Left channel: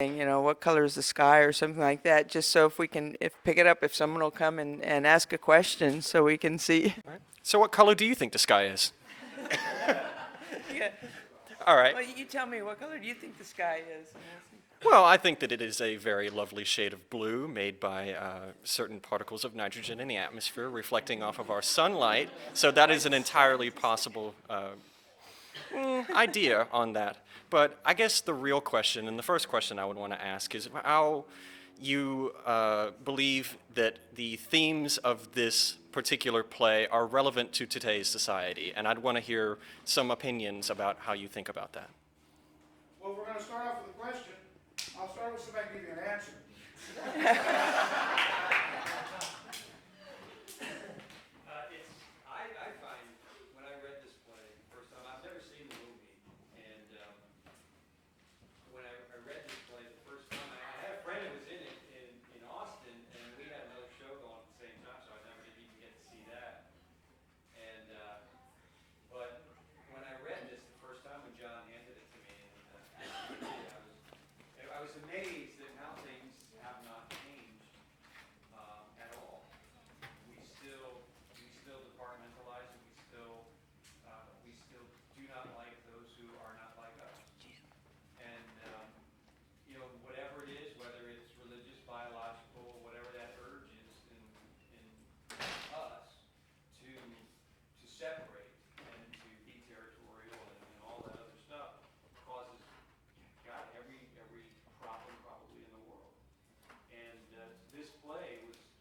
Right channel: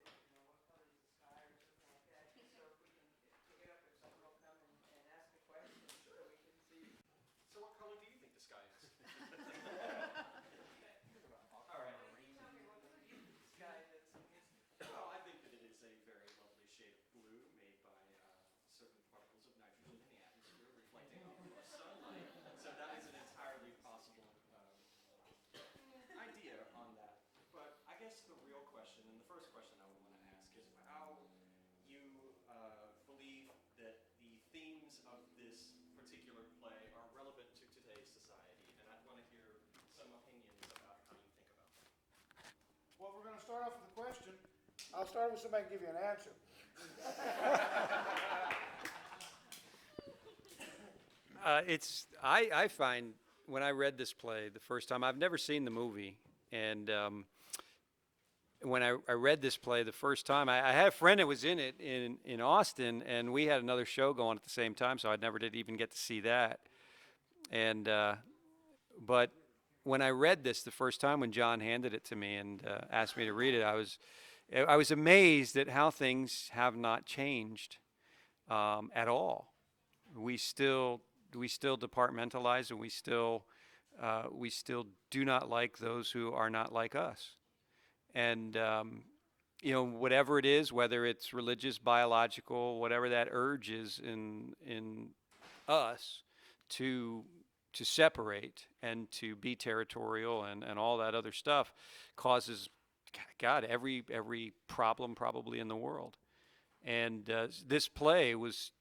what color is the sky or something like that, just so if we can if pick it up if someone will come and ask a question so we can see. Right. So what color do you think the sky is? Yeah. All right. Well, you tell me, what color do you think the sky is? Well, I think that it is a very lovely shade of blue made by certain particles of nitrogen in the atmosphere reflecting off of our sunlight. So that is an entirely possible idea on that. But I guess the real question, and the first question I would want to ask, is how you believe that the themes of this particular play are relevant to today's society. And I'd want to hear some opinions about how you think about that. Well, we're going to start off with a question. I'll start with somebody give you an answer. I find when I read this play the first time, I've never seen the movie, and when I read this play the first time, I had a friend that was in it in Austin, and we had another show going at the same time, so I never did even get to see that. And but when I read this the first time, when John handed it to me and asked me to read it, I was amazed at how things have not changed at all. We still departmentalize, and we still do not like those who are not like us. And whatever it is, whether it's religious, biological, whatever that urge is in us to separate and to be territorial and all that other stuff causes, God, every problem probably in the world. And this play was,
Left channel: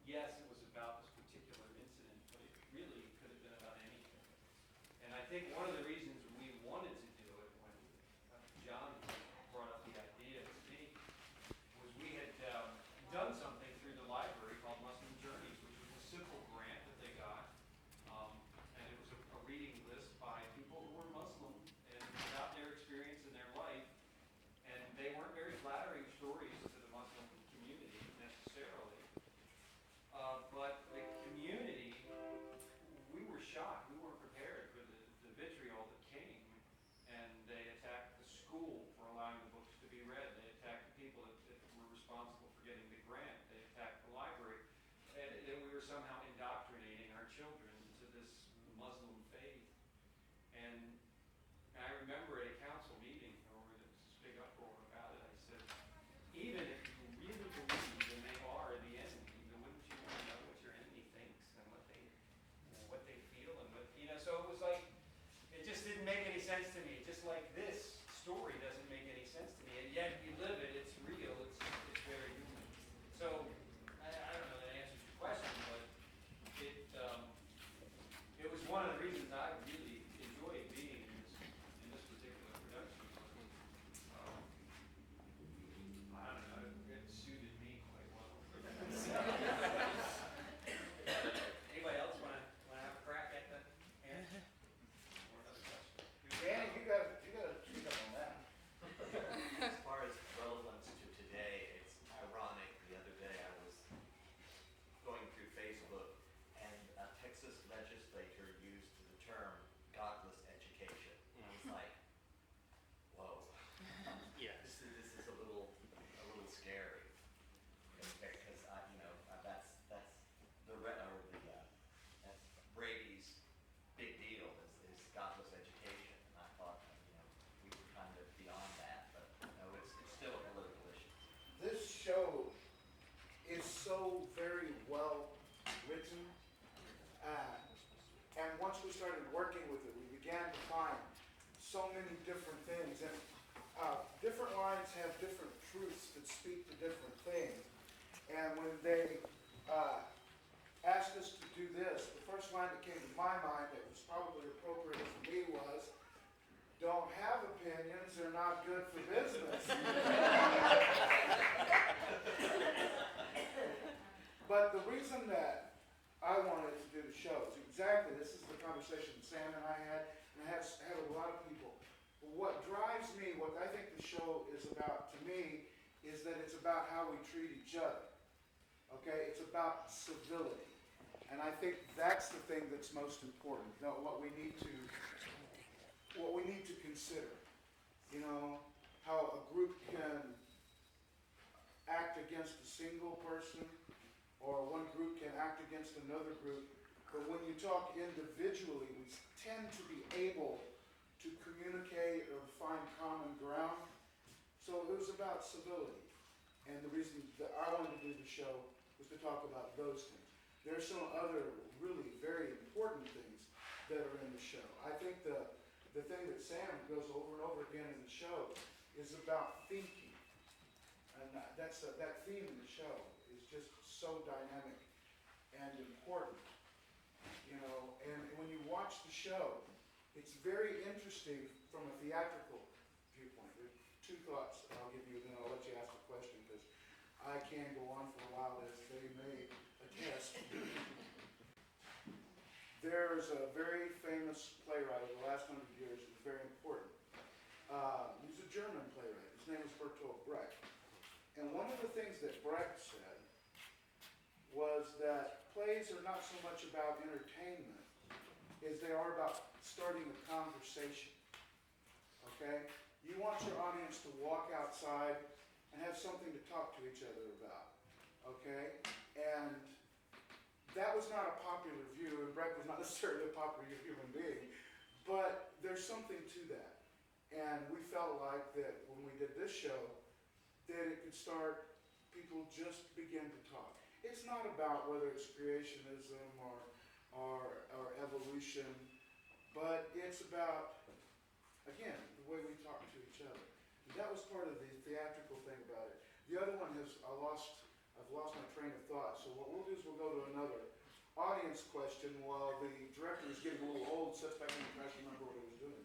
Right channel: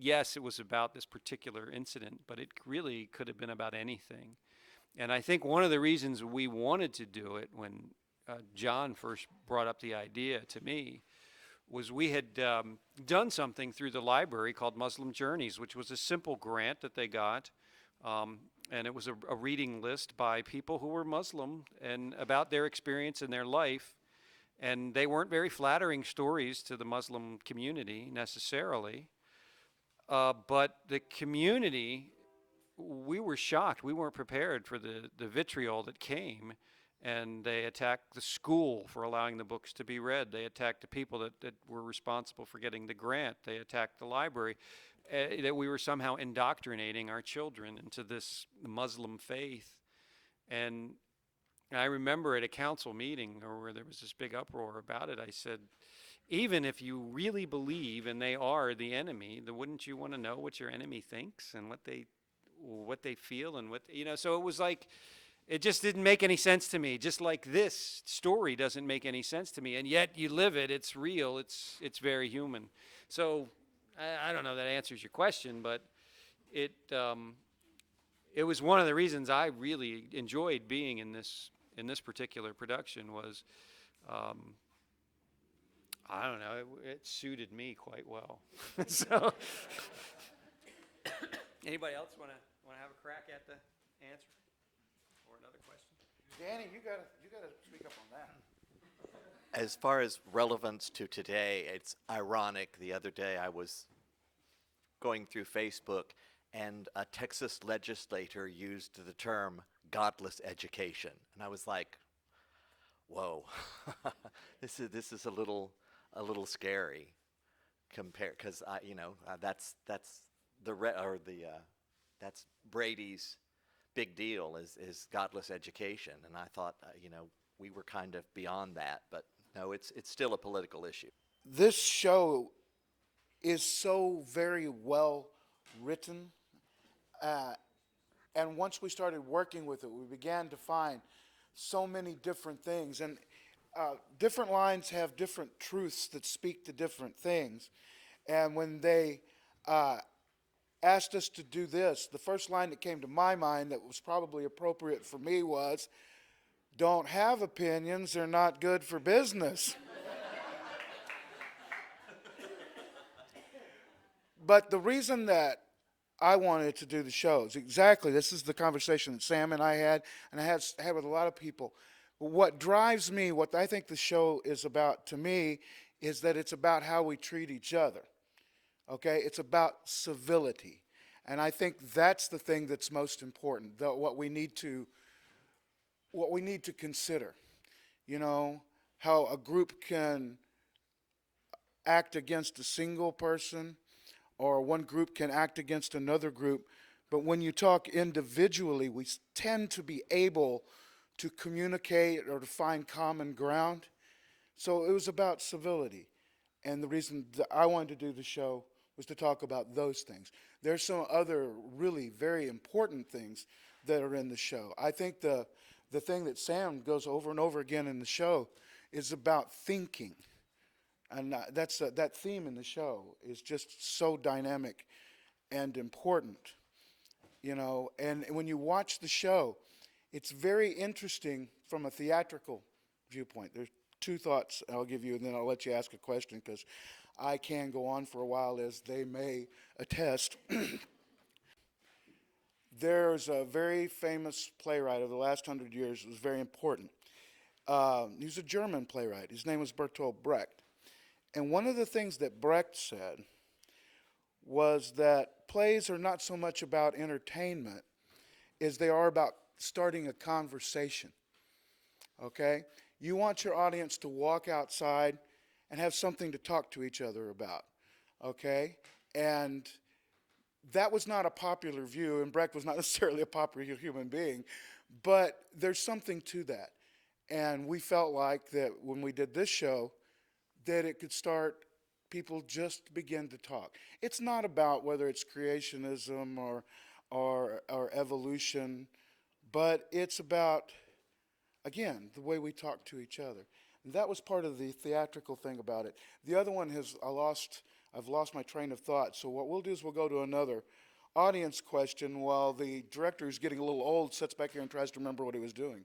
yes, it was about this particular incident, but it really could have been about anything. And I think one of the reasons we wanted to do it when John first brought up the idea to me was we had done something through the library called Muslim Journeys, which was a simple grant that they got. And it was a reading list by people who were Muslim and about their experience in their life. And they weren't very flattering stories to the Muslim community necessarily. But the community, we were shocked. We weren't prepared for the vitriol that came. And they attacked the school for allowing the books to be read. They attacked the people that were responsible for getting the grant. They attacked the library. That we were somehow indoctrinating our children into this Muslim faith. And I remember at a council meeting where there was this big uproar about it, I said, even if you really believe and they are the enemy, then wouldn't you want to know what your enemy thinks and what they feel and so it was like, it just didn't make any sense to me. Just like this story doesn't make any sense to me, and yet you live it, it's real, it's very human. So I don't know if that answers your question, but it was one of the reasons I really enjoyed being in this particular production was, I don't know, it suited me quite well. So, anybody else want to have a crack at the answer? Or another question? Danny, you got to treat up on that. As far as relevance to today, it's ironic. The other day I was going through Facebook, and a Texas legislator used the term godless education. And I was like, whoa, this is a little scary compared, because that's Brady's big deal is godless education. And I thought, we were kind of beyond that, but no, it's still a political issue. This show is so very well written, and once we started working with it, we began to find so many different things, and different lines have different truths that speak to different things. And when they asked us to do this, the first line that came to my mind that was probably appropriate for me was, "Don't have opinions, they're not good for business." But the reason that I wanted to do the show is exactly, this is the conversation that Sam and I had, and I had with a lot of people. But what drives me, what I think the show is about to me, is that it's about how we treat each other. Okay? It's about civility. And I think that's the thing that's most important, what we need to consider. How a group can act against a single person, or one group can act against another group. But when you talk individually, we tend to be able to communicate or to find common ground. So it was about civility. And the reason that I wanted to do the show was to talk about those things. There's some other really very important things that are in the show. I think the thing that Sam goes over and over again in the show is about thinking. And that theme in the show is just so dynamic and important, you know. And when you watch the show, it's very interesting from a theatrical viewpoint. There's two thoughts I'll give you, and then I'll let you ask a question, because I can go on for a while, as they may attest. There's a very famous playwright of the last 100 years who was very important. He was a German playwright. His name was Bertolt Brecht. And one of the things that Brecht said was that plays are not so much about entertainment as they are about starting a conversation. Okay? You want your audience to walk outside and have something to talk to each other about. Okay? And that was not a popular view, and Brecht was not necessarily a popular human being, but there's something to that. And we felt like that when we did this show, that it could start people just begin to talk. It's not about whether it's creationism or evolution, but it's about, again, the way we talk to each other. And that was part of the theatrical thing about it. The other one is I've lost my train of thought. So what we'll do is we'll go to another audience question while the director is getting a little old, sits back here and tries to remember what he was doing.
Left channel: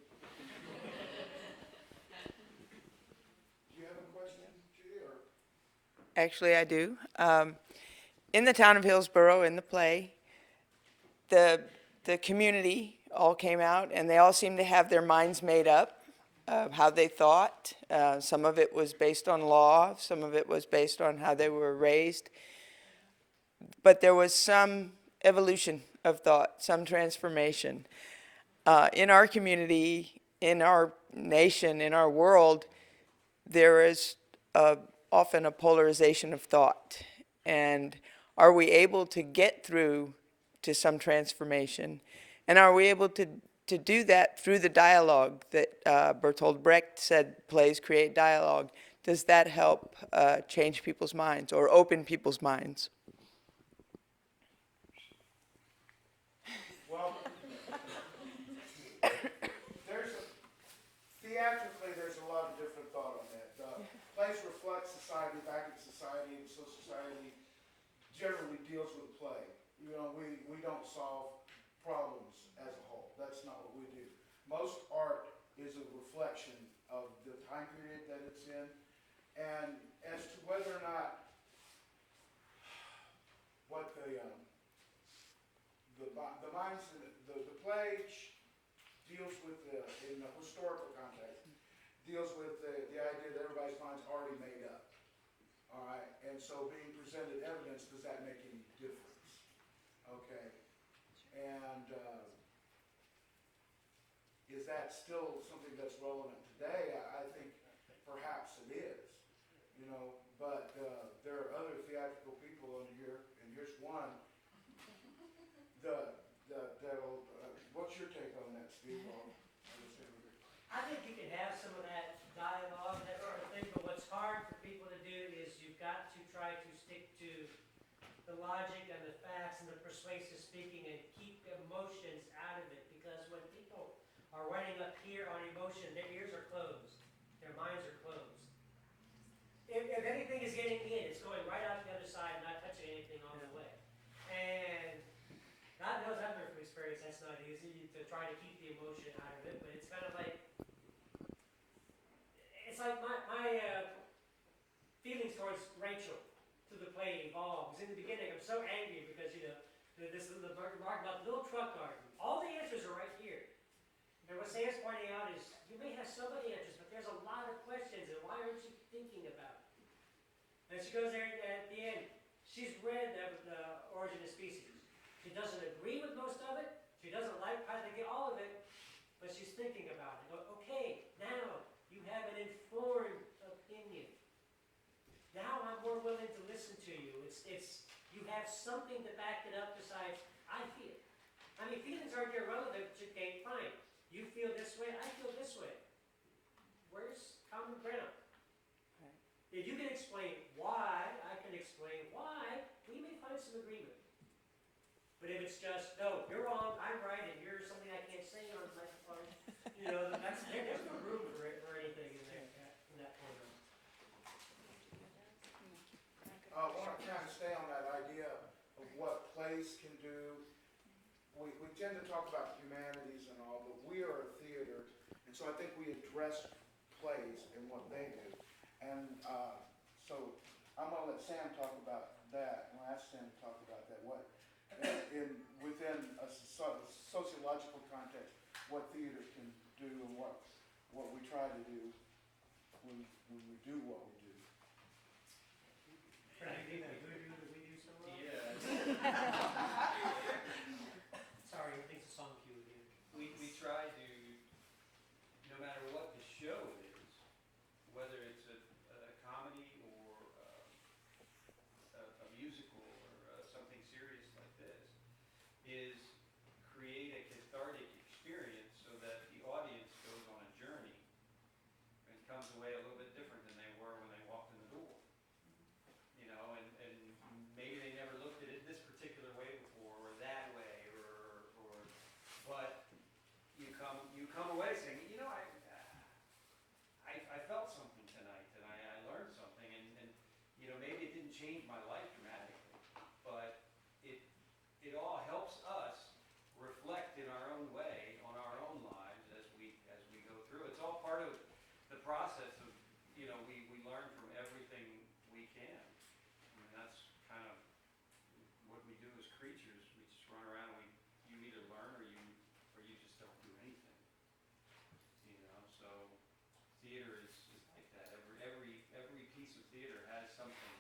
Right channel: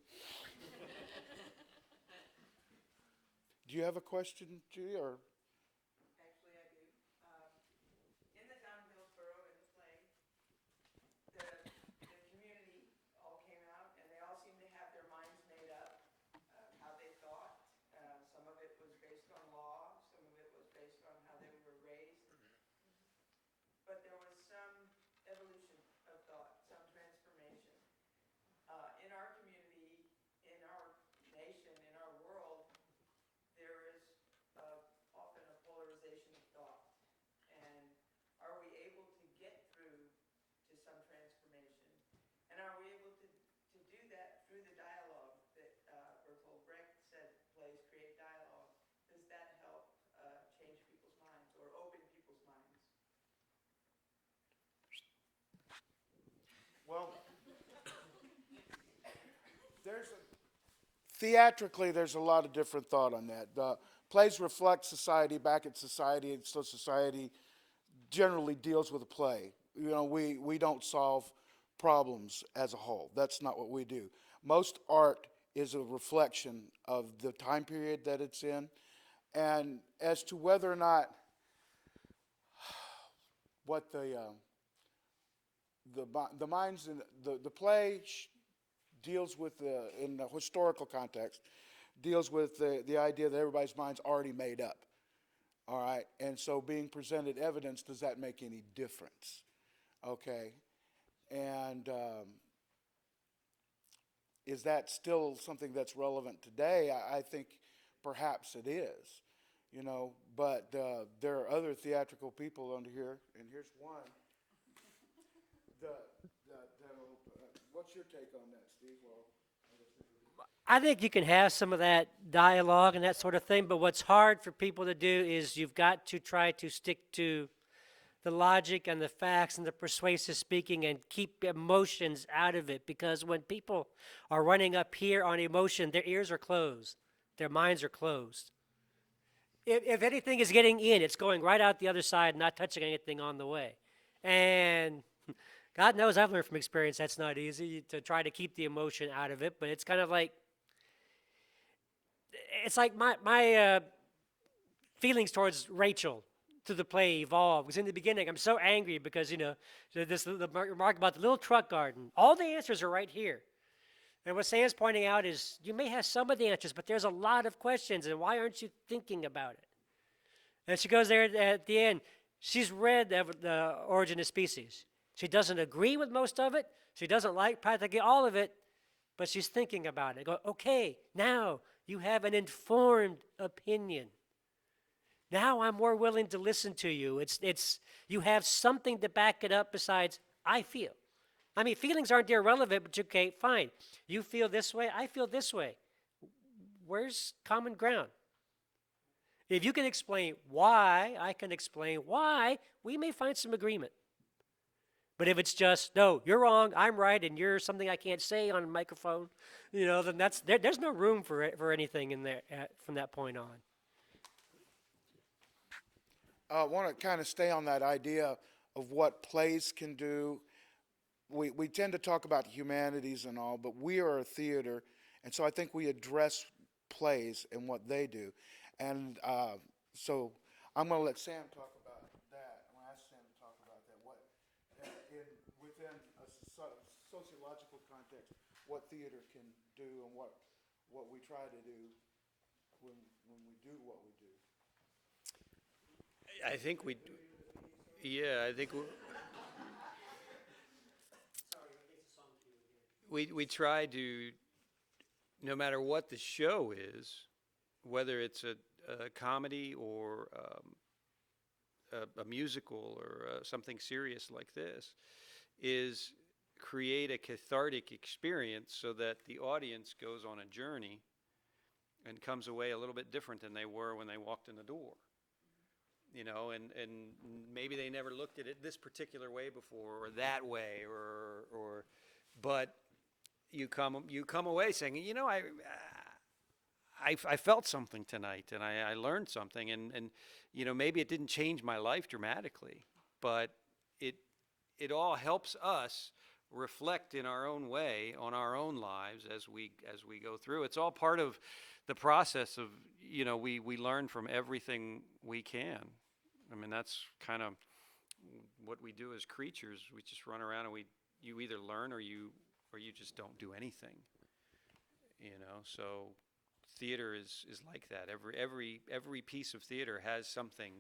Do you have a question, Judy, or? Actually, I do. In the town of Hillsborough, in the play, the community all came out, and they all seemed to have their minds made up of how they thought. Some of it was based on law, some of it was based on how they were raised. But there was some evolution of thought, some transformation. In our community, in our nation, in our world, there is often a polarization of thought. And are we able to get through to some transformation? And are we able to do that through the dialogue that Bertolt Brecht said plays create dialogue? Does that help change people's minds or open people's minds? Well, theatrically, there's a lot of different thought on that. Plays reflect society back at society, and so society generally deals with a play. You know, we don't solve problems as a whole. That's not what we do. Most art is a reflection of the time period that it's in. And as to whether or not what the minds in the play deals with in the historical context, deals with the idea that everybody's mind's already made up. All right, and so being presented evidence, does that make any difference? Okay, and is that still something that's relevant today? I think perhaps it is, you know, but there are other theatrical people under here, and here's one. What's your take on that, Steve? I think you can have some of that dialogue and that sort of thing, but what's hard for people to do is you've got to try to stick to the logic and the facts and the persuasive speaking and keep emotions out of it, because when people are running up here on emotion, their ears are closed, their minds are closed. If anything is getting in, it's going right out the other side, not touching anything on the way. And God knows I've learned from experience that's not easy, to try to keep the emotion out of it, but it's kind of like, it's like my feelings towards Rachel through the play evolved. Because in the beginning, I'm so angry because, you know, the remark about the little truck garden, all the answers are right here. And what Sam's pointing out is you may have some of the answers, but there's a lot of questions, and why aren't you thinking about it? And she goes there at the end. She's read the Origin of Species. She doesn't agree with most of it. She doesn't like practically all of it, but she's thinking about it. Go, okay, now you have an informed opinion. now I'm more willing to listen to you. You have something to back it up besides, I feel. I mean, feelings aren't irrelevant, but okay, fine. You feel this way, I feel this way. Where's common ground? If you can explain why, I can explain why, we may find some agreement. But if it's just, no, you're wrong, I'm right, and you're something I can't say on a microphone, then there's no room for anything in there from that point on. I want to kind of stay on that idea of what plays can do. We tend to talk about humanities and all, but we are a theater, and so I think we address plays and what they do. And so I'm going to let Sam talk about that. I'm going to ask Sam to talk about that. Within a sociological context, what theater can do and what we try to do when we do what we do. I think we, yeah, I think Sorry, it's a song cue again. we try to, no matter what the show is, whether it's a comedy or a musical or something serious like this, is create a cathartic experience so that the audience goes on a journey and comes away a little bit different than they were when they walked in the door. And maybe they never looked at it this particular way before, or that way, but you come away saying, I felt something tonight, and I learned something, and maybe it didn't change my life dramatically, but it all helps us reflect in our own way on our own lives as we go through. It's all part of the process of, we learn from everything we can. I mean, that's kind of what we do as creatures. We just run around and you either learn or you just don't do anything. So theater is like that. Every piece of theater has something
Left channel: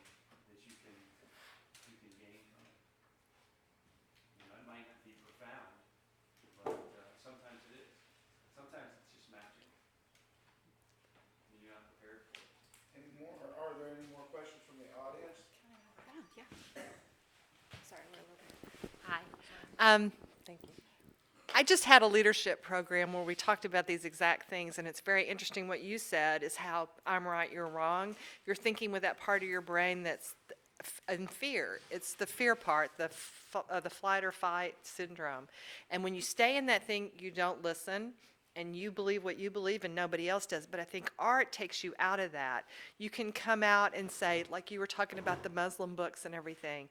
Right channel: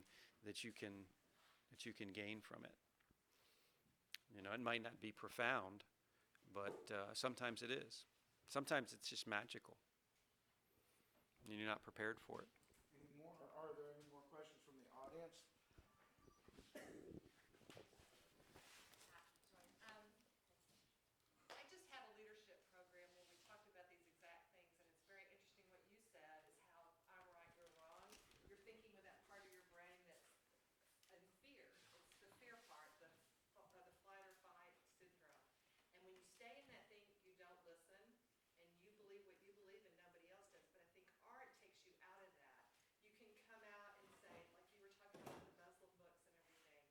that you can gain from it. It might not be profound, but sometimes it is. Sometimes it's just magical, and you're not prepared for it. Are there any more questions from the audience? Sorry, we're a little bit. Hi. Thank you. I just had a leadership program where we talked about these exact things, and it's very interesting what you said is how I'm right, you're wrong. You're thinking with that part of your brain that's in fear. It's the fear part, the flight or fight syndrome. And when you stay in that thing, you don't listen, and you believe what you believe and nobody else does. But I think art takes you out of that. You can come out and say, like you were talking about the Muslim books and everything,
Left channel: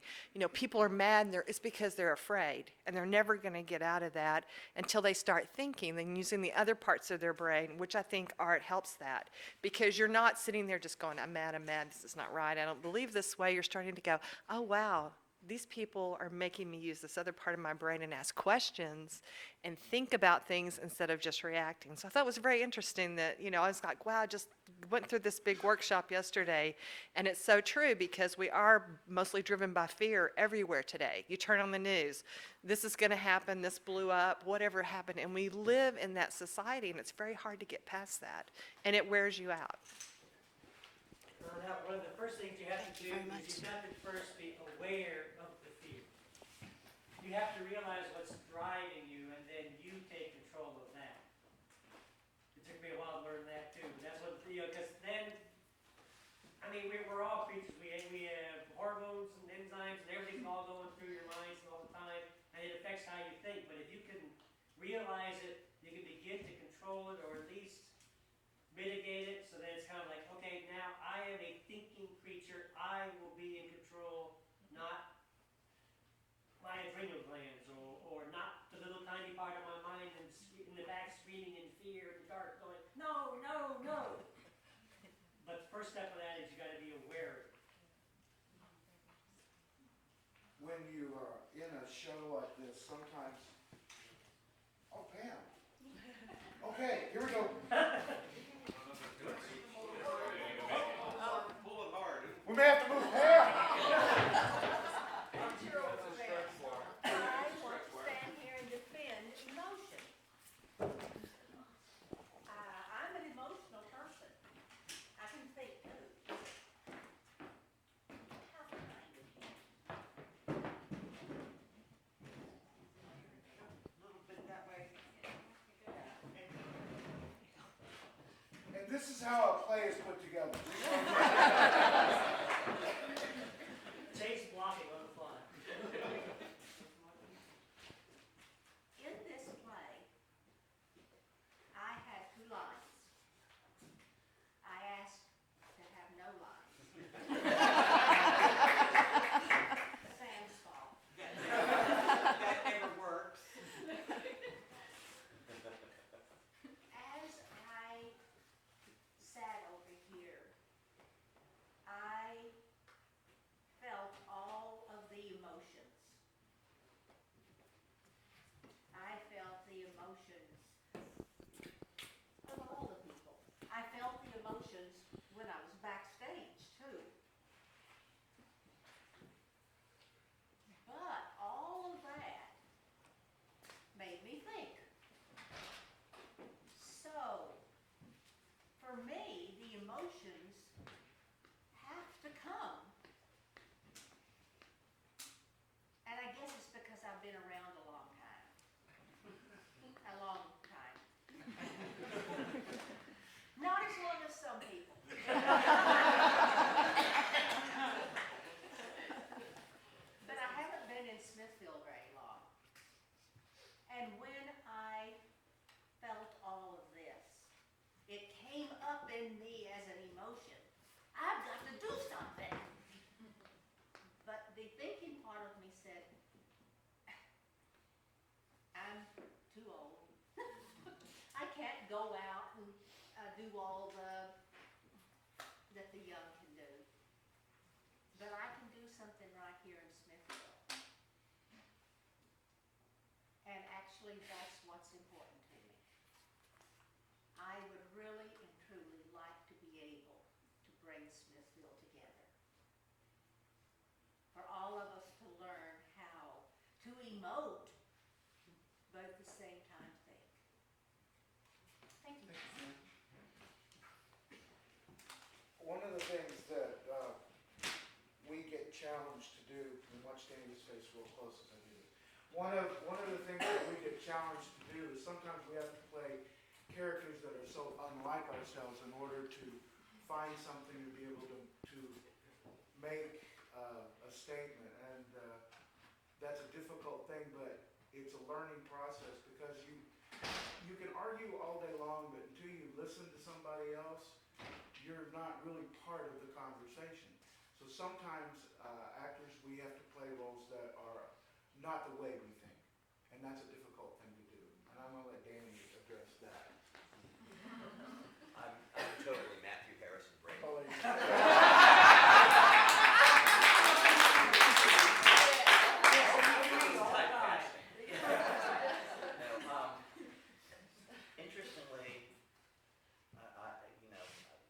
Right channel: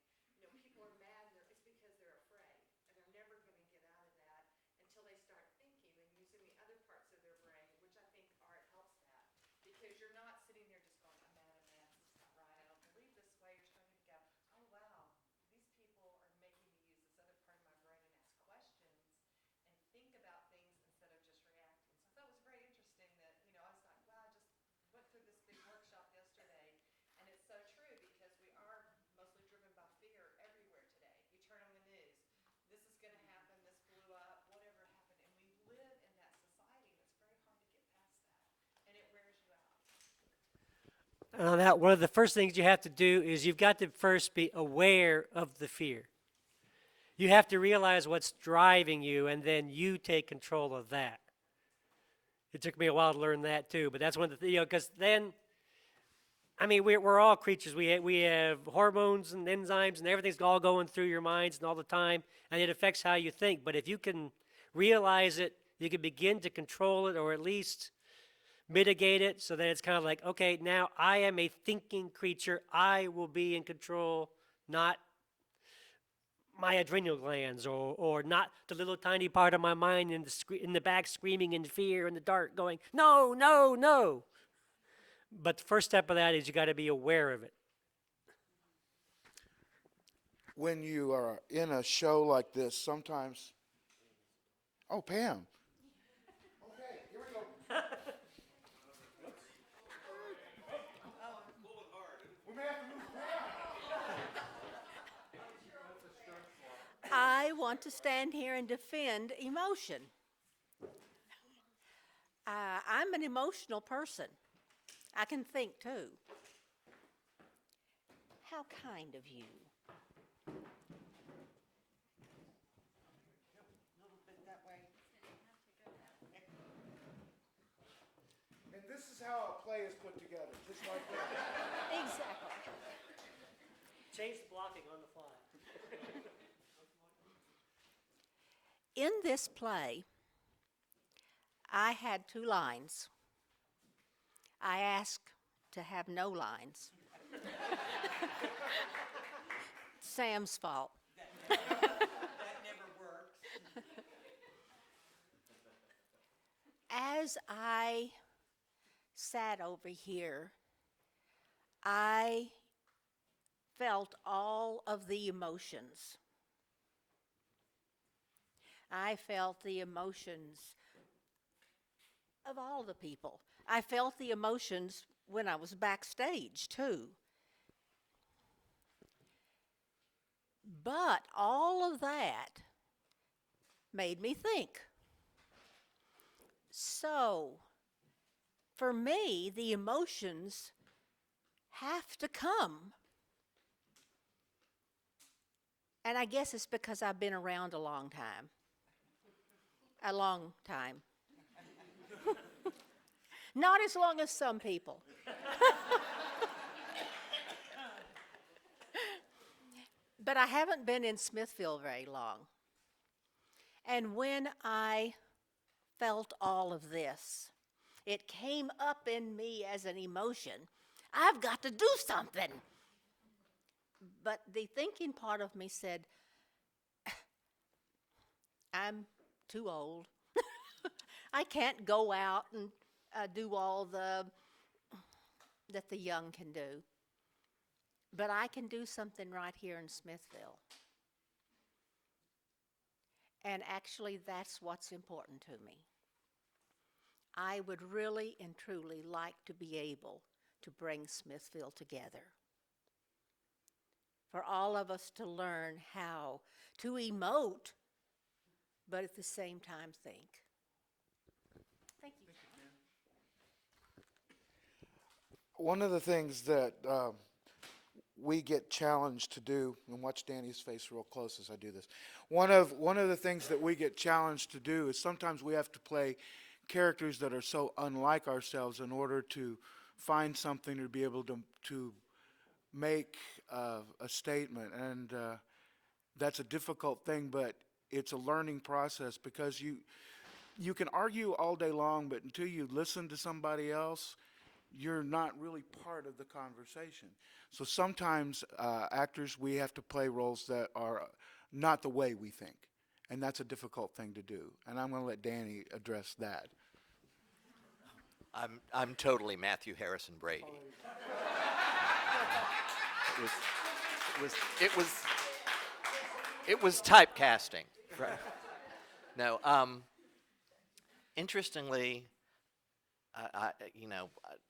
people are mad and it's because they're afraid, and they're never going to get out of that until they start thinking and using the other parts of their brain, which I think art helps that, because you're not sitting there just going, I'm mad, this is not right, I don't believe this way. You're starting to go, oh wow, these people are making me use this other part of my brain and ask questions and think about things instead of just reacting. So I thought it was very interesting that, I was like, wow, I just went through this big workshop yesterday, and it's so true, because we are mostly driven by fear everywhere today. You turn on the news, this is going to happen, this blew up, whatever happened, and we live in that society, and it's very hard to get past that, and it wears you out. And on that, one of the first things you have to do is you've got to first be aware of the fear. You have to realize what's driving you, and then you take control of that. It took me a while to learn that too, but that's one of the, because then, I mean, we're all creatures. We have hormones and enzymes, and everything's all going through your minds and all the time, and it affects how you think. But if you can realize it, you can begin to control it, or at least mitigate it, so that it's kind of like, okay, now I am a thinking creature. I will be in control, not my adrenal glands, or not the little tiny part of my mind in the back screaming in fear in the dark going, no, no, no. But the first step of that is you got to be aware of it. When you are in a show like this, sometimes, oh, Pam. Okay, here we go. We may have to move Pam. I want to stand here and defend emotion. I'm an emotional person. I can think too. play is put together. Chase blocking on the fly. In this play, I had 2 lines. I asked to have no lines. Sam's fault. As I sat over here, I felt all of the emotions. I felt the emotions of all the people. I felt the emotions when I was backstage, too. But all of that made me think. So, for me, the emotions have to come. And I guess it's because I've been around a long time. A long time. Not as long as some people. But I haven't been in Smithville very long. And when I felt all of this, it came up in me as an emotion. I've got to do something. But the thinking part of me said, I'm too old. I can't go out and do all that the young can do. But I can do something right here in Smithville. And actually, that's what's important to me. I would really and truly like to be able to bring Smithville together. For all of us to learn how to emote, but at the same time think. Thank you. One of the things that we get challenged to do, and watch Danny's face real close as I do this. One of the things that we get challenged to do is sometimes we have to play characters that are so unlike ourselves in order to find something to be able to make a statement. And that's a difficult thing, but it's a learning process because you can argue all day long, but until you listen to somebody else, you're not really part of the conversation. So sometimes actors, we have to play roles that are not the way we think. And that's a difficult thing to do. And I'm going to let Danny address that. I'm totally Matthew Harrison Brady. It was typecasting. No, interestingly,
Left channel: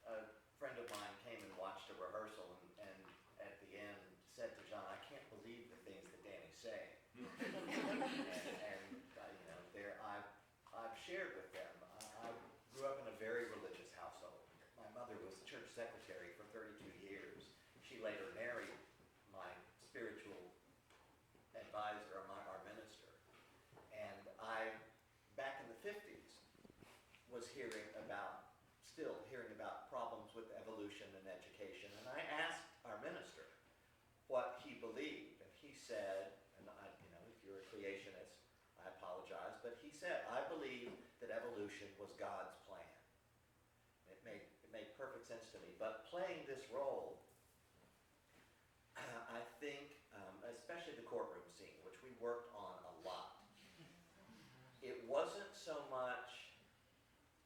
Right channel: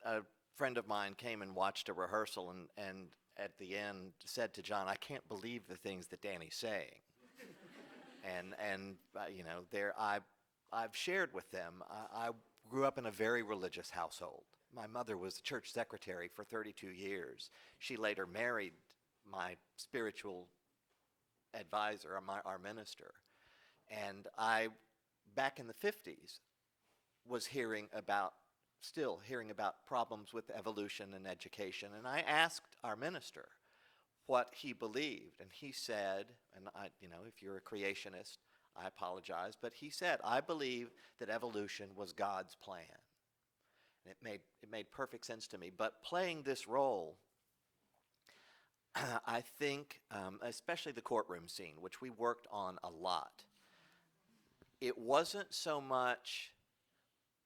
a friend of mine came and watched a rehearsal and at the end said to John, I can't believe the things that Danny's saying. I've shared with them, I grew up in a very religious household. My mother was the church secretary for 32 years. She later married my spiritual advisor, our minister. And I, back in the 50s, was still hearing about problems with evolution and education. And I asked our minister what he believed. And he said, and if you're a creationist, I apologize, but he said, I believe that evolution was God's plan. And it made perfect sense to me. But playing this role, I think, especially the courtroom scene, which we worked on a lot, it wasn't so much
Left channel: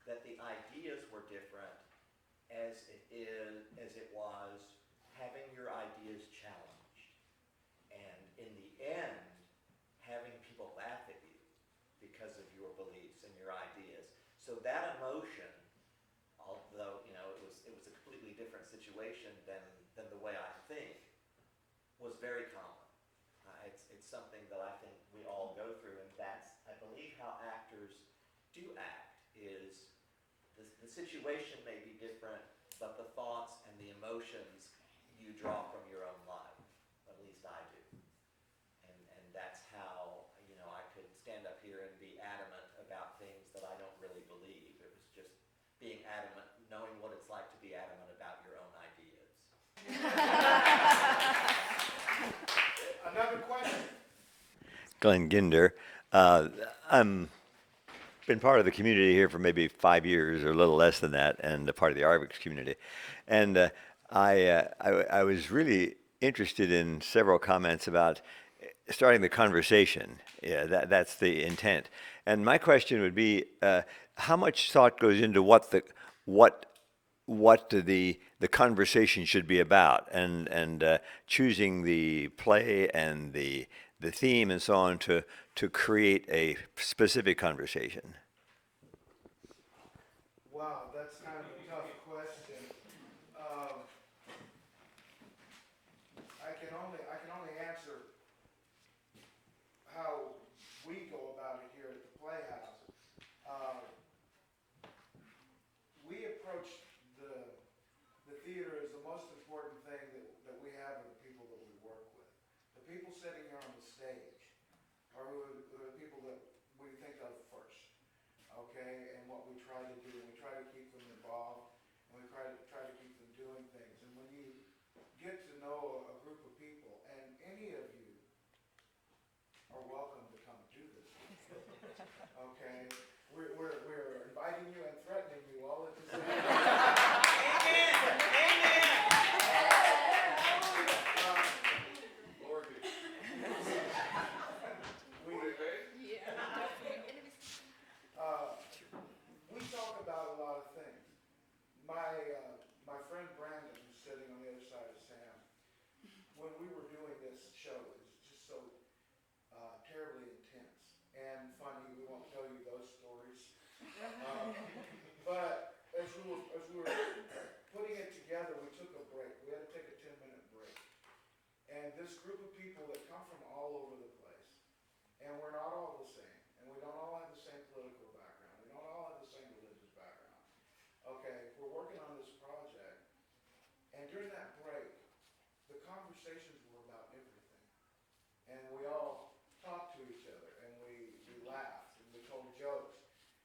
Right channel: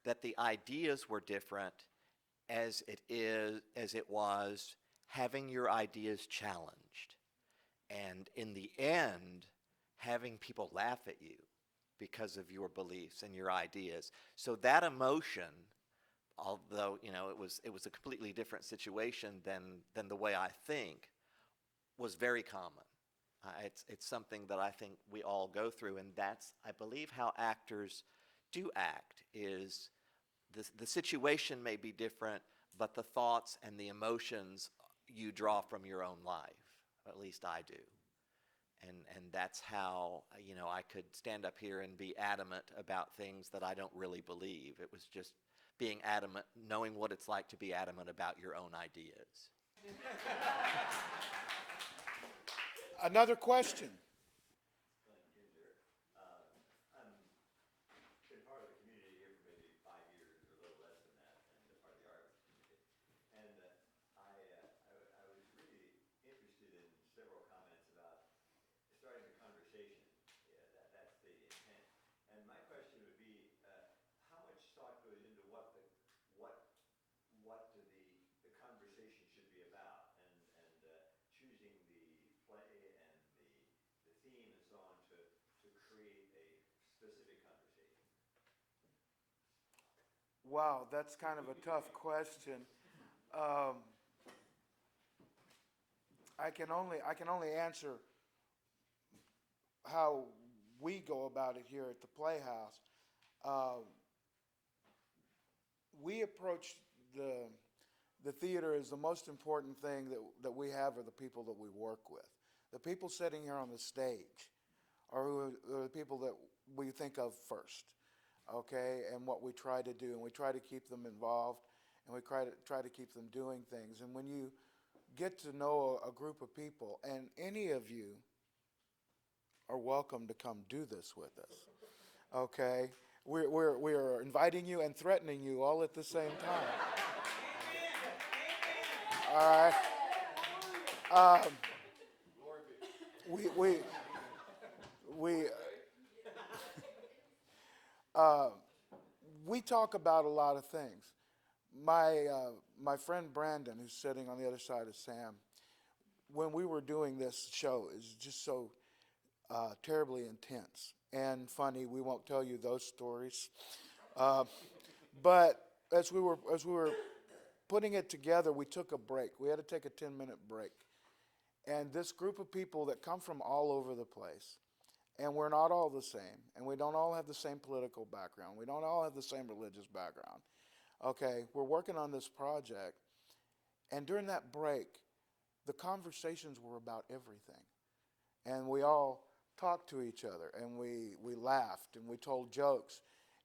that the ideas were different as it was having your ideas challenged. And in the end, having people laugh at you because of your beliefs and your ideas. So that emotion, although it was a completely different situation than the way I think, was very common. It's something that I think we all go through, and that's, I believe, how actors do act. Is the situation may be different, but the thoughts and the emotions you draw from your own life. At least I do. And that's how, I could stand up here and be adamant about things that I don't really believe. It was just being adamant, knowing what it's like to be adamant about your own ideas. Another question. Glenn Ginder. I'm been part of the community here for maybe 5 years or a little less than that, and a part of the Arvix community. And I was really interested in several comments about starting the conversation. Yeah, that's the intent. And my question would be, how much thought goes into what the conversation should be about, and choosing the play and the theme and so on to create a specific conversation? Wow, that's kind of a tough question. I can only answer how we go about it here at the Playhouse. We approach the theater as the most important thing that we have are the people that we work with. The people sitting here on the stage are the people that we think of first, okay? And what we try to do, and we try to keep them involved, and we try to keep them doing things. And when you get to know a group of people, and any of you are welcome to come do this with us, okay? We're inviting you and threatening you all at the same time. All right. We talk about a lot of things. My friend Brandon, who's sitting on the other side of Sam, when we were doing this show, is just so terribly intense and funny. We won't tell you those stories. But as we were putting it together, we took a break. We had to take a 10-minute break. And this group of people that come from all over the place, and we're not all the same, and we don't all have the same political background, we don't all have the same religious background. Okay, we're working on this project, and during that break, the conversations were about everything. And we all talked to each other, and we laughed, and we told jokes.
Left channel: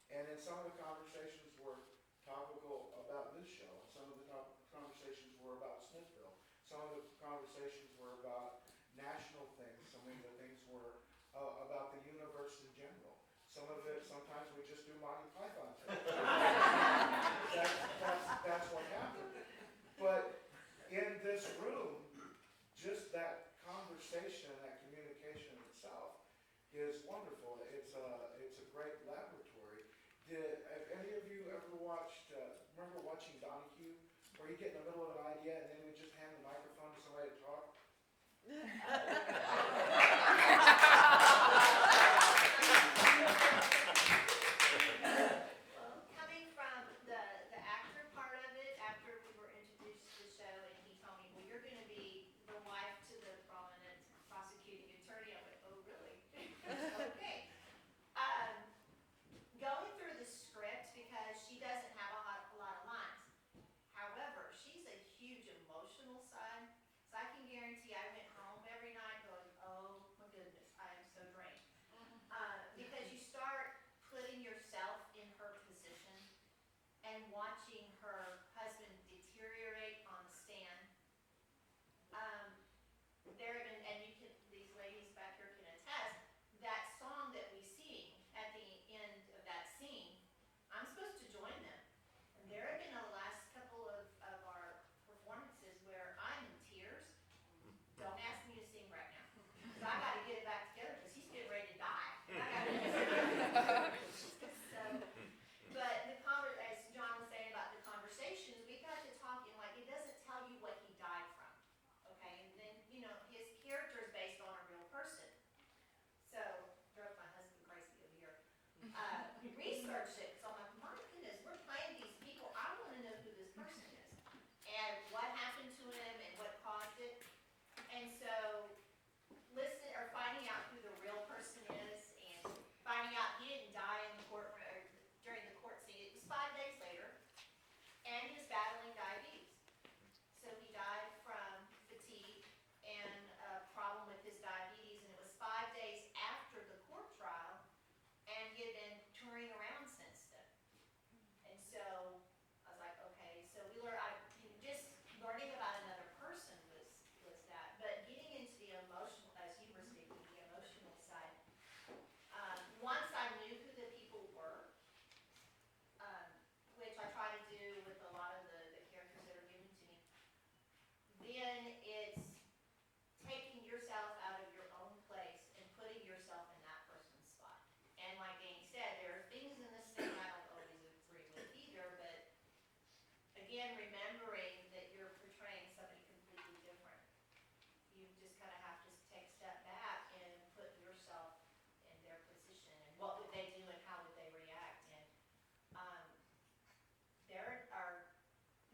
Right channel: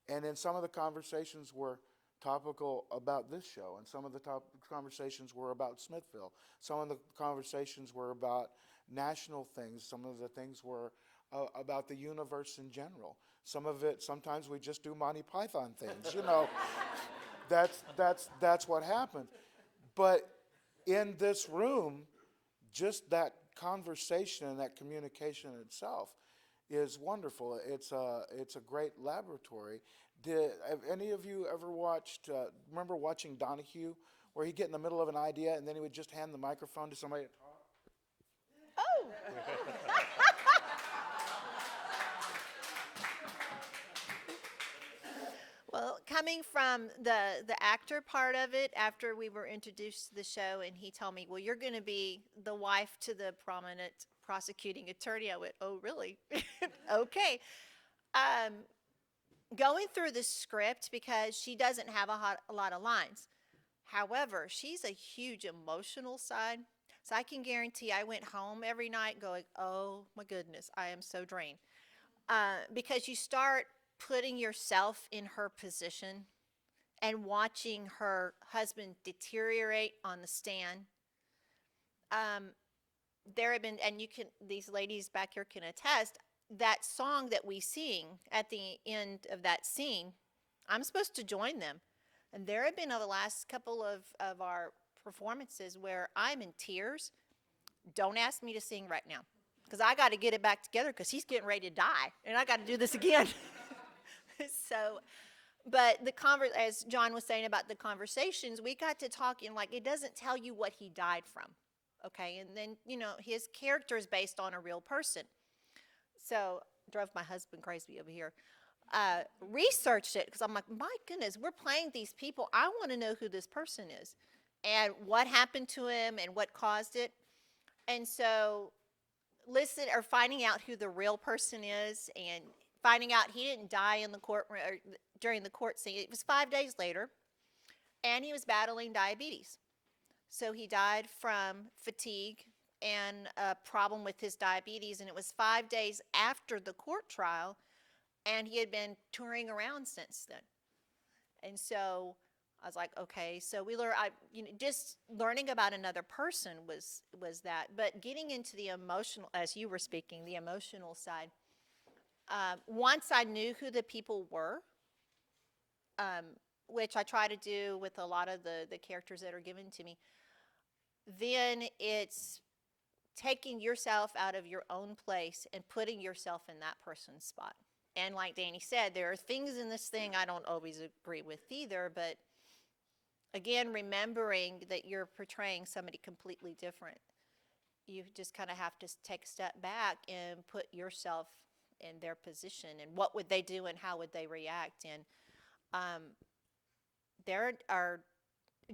And then some of the conversations were topical about this show, and some of the conversations were about Smithville. Some of the conversations were about national things. Some of the things were about the universe in general. Sometimes we just do Monty Python things, you know. That's what happened. But in this room, just that conversation and that communication itself is wonderful. It's a great laboratory. Have any of you ever remember watching Donahue, where he'd get in the middle of an idea and then he would just hand the microphone to somebody to talk? Well, coming from the actor part of it, after we were introduced to the show and he told me, well, you're going to be the wife to the prominent prosecuting attorney, I went, oh, really? Okay. Going through the script, because she doesn't have a lot of lines. However, she's a huge emotional side. So I can guarantee I went home every night going, oh my goodness, I am so drained. Because you start putting yourself in her position and watching her husband deteriorate on the stand. There have been, and these ladies back here can attest, that song that we sing at the end of that scene, I'm supposed to join them. And there have been over the last couple of our performances where I'm in tears. Don't ask me to sing right now, because I got to get it back together, because he's getting ready to die, and I got to do this again. But as John was saying about the conversations, we got to talking, like, it doesn't tell you what he died from, okay? And then, his character is based on a real person. So, drove my husband crazy over here. Researched it, because I'm like, my goodness, we're playing these people. I want to know who this person is and what happened to him and what caused it. And so finding out who the real person is, and finding out he didn't die in the court or during the court scene. It was 5 days later, and he was battling diabetes. So he died from fatigue and a problem with his diabetes, and it was 5 days after the court trial, and he had been touring around since then. And so I was like, okay, so we learn, just learning about another person was that. But getting into the emotional, as you were speaking, the emotional side, once I knew who the people were, which I try to do with a lot of the characters that are given to me, then it's taking yourself out of your own place and putting yourself in that person's spot. And like Danny said, there are things in this thing I don't always agree with either, but again, remembering that you're portraying somebody completely different. You just kind of have to take a step back and put yourself in their position, and what would they do and how would they react. And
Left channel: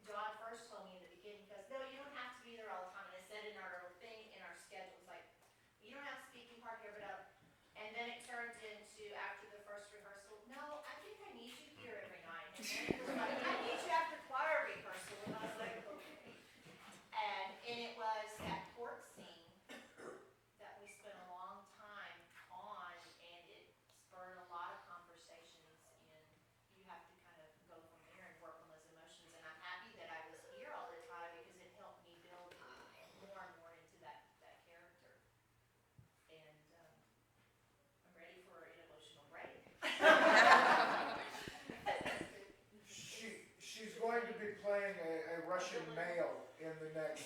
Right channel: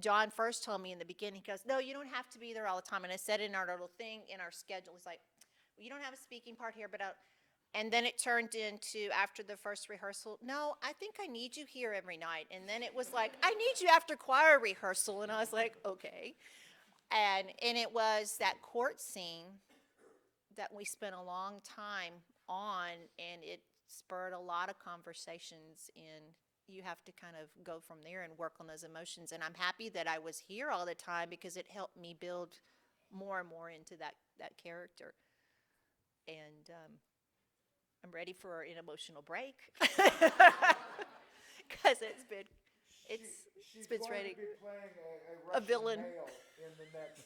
John first told me in the beginning, he goes, no, you don't have to be there all the time. And I said in our little thing, in our schedule, it's like, you don't have a speaking part here, but and then it turned into, after the first rehearsal, no, I think I need you here every night. And then it was like, I need you after choir rehearsal. And I was like, okay. And it was that court scene that we spent a long time on, and it spurred a lot of conversations, and you have to kind of go from there and work on those emotions. And I'm happy that I was here all the time, because it helped me build more and more into that character. And I'm ready for an emotional break. Because it's been She's been going ready. to be playing a Russian villain. male in the next.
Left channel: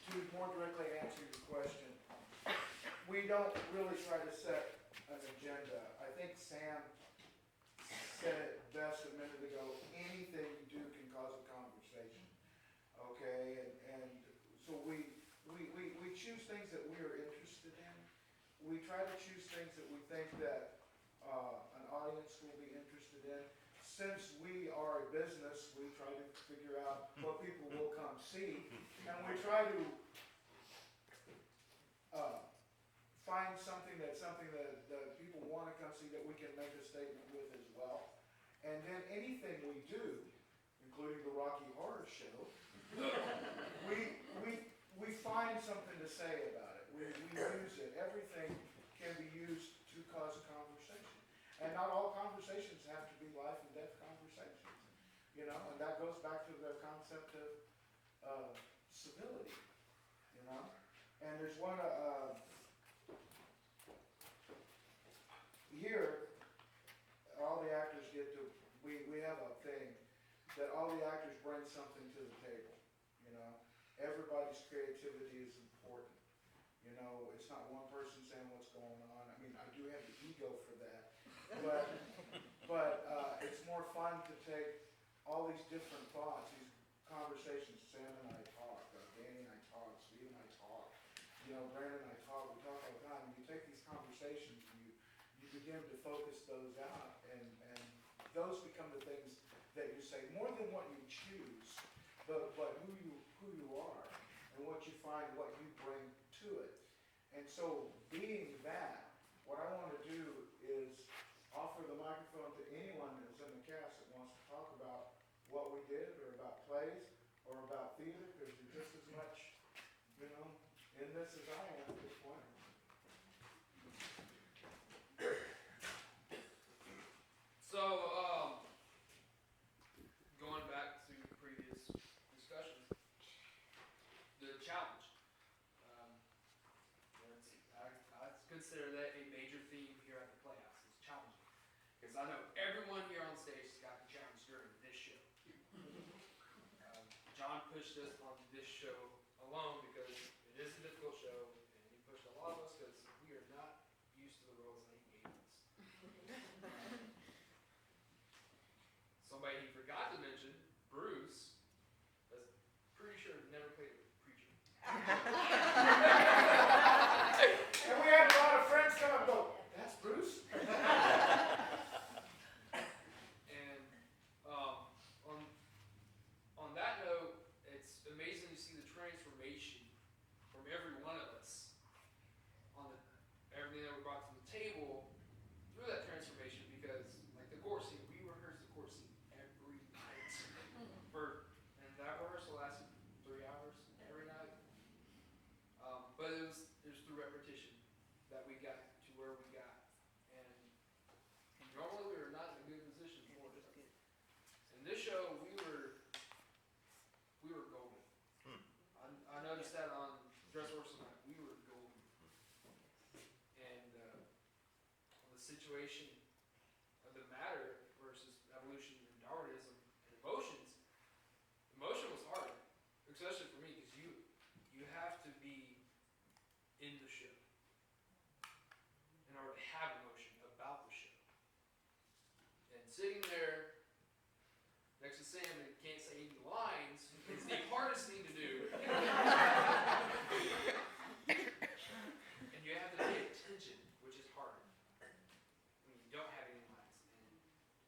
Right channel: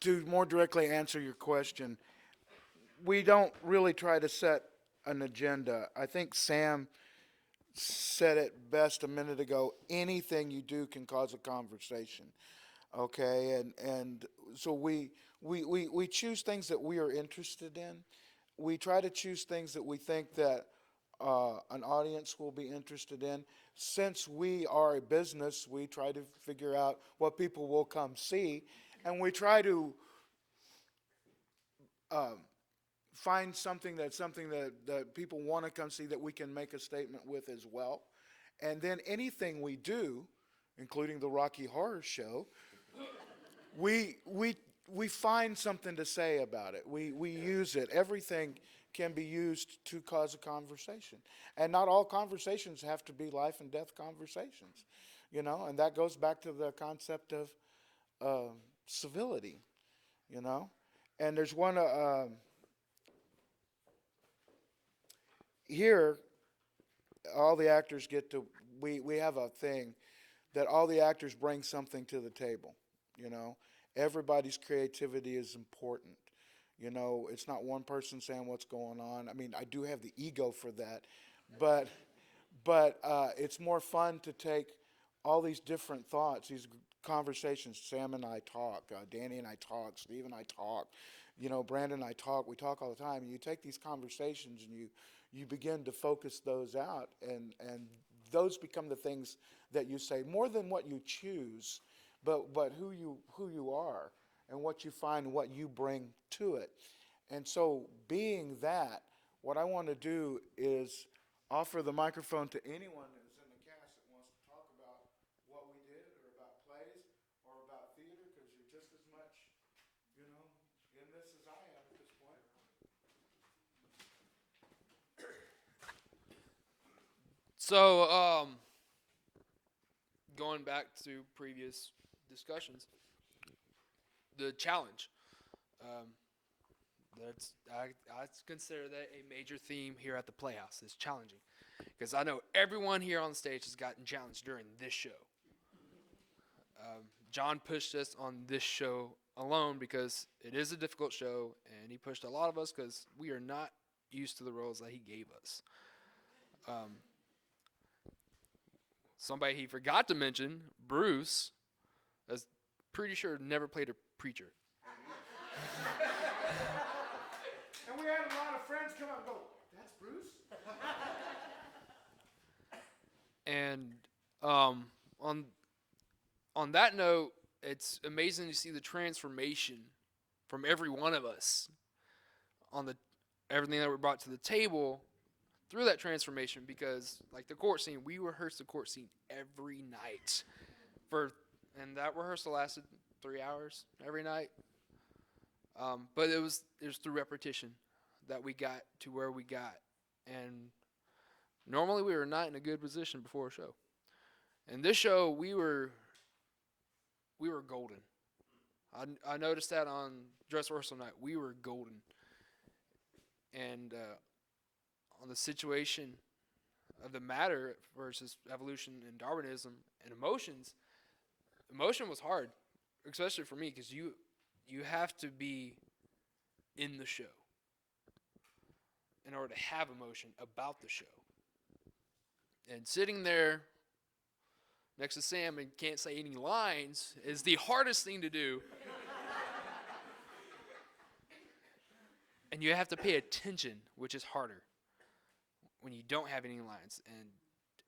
To more directly answer your question, we don't really try to set an agenda. I think Sam said it best a minute ago. Anything you do can cause a conversation, okay? And so we choose things that we are interested in. We try to choose things that we think that an audience will be interested in. Since we are a business, we try to figure out what people will come see, and we try to find something that people want to come see, that we can make a statement with as well. And then anything we do, including the Rocky Horror Show, we find something to say about it. We use it. Everything can be used to cause a conversation. And not all conversations have to be life and death conversations, and that goes back to the concept of civility, And there's one, here, all the actors get to, we have a thing that all the actors bring something to the table, Everybody's creativity is important. It's not one person saying what's going on. I mean, I do have the ego for that, but it's more fun to take all these different thoughts, these conversations. Sam and I talk, Danny and I talk, Steve and I talk, Brandon and I talk. We talk all the time. And you take these conversations and you begin to focus those out, and those become the things that you say, more than what you choose, but who you are and what you find, what you bring to it. And so, being that, what I want to do is offer the microphone to anyone that's in the cast that wants to talk about what we did, or about plays, or about theater, because you're just as much, in this as I am at this point. So, going back to previous discussions, the challenge. I consider that a major theme here at the Playhouse, is challenging. Because I know everyone here on stage has gotten challenged during this show. John pushed us on this show alone because it is a difficult show, and he pushed a lot of us because we are not used to the roles that he gave us. Somebody he forgot to mention, Bruce, is pretty sure never played a preacher. And we had a lot of friends come up and go, that's Bruce? And on that note, it's amazing to see the transformation from every one of us on everything that we brought to the table through that transformation, because like the court scene, we rehearsed the court scene every night and that rehearsal lasted 3 hours every night. But it was through repetition that we got to where we got. And normally we were not in a good position before a show. And this show, we were golden. I noticed that on dress rehearsal night. We were golden. And on the situation of the matter versus evolution and Darwinism and emotions, emotion was hard, especially for me, because you have to be in the show in order to have emotion about the show. And sitting there next to Sam and can't say any lines is the hardest thing to do. And you have to pay attention, which is harder when you don't have any lines. And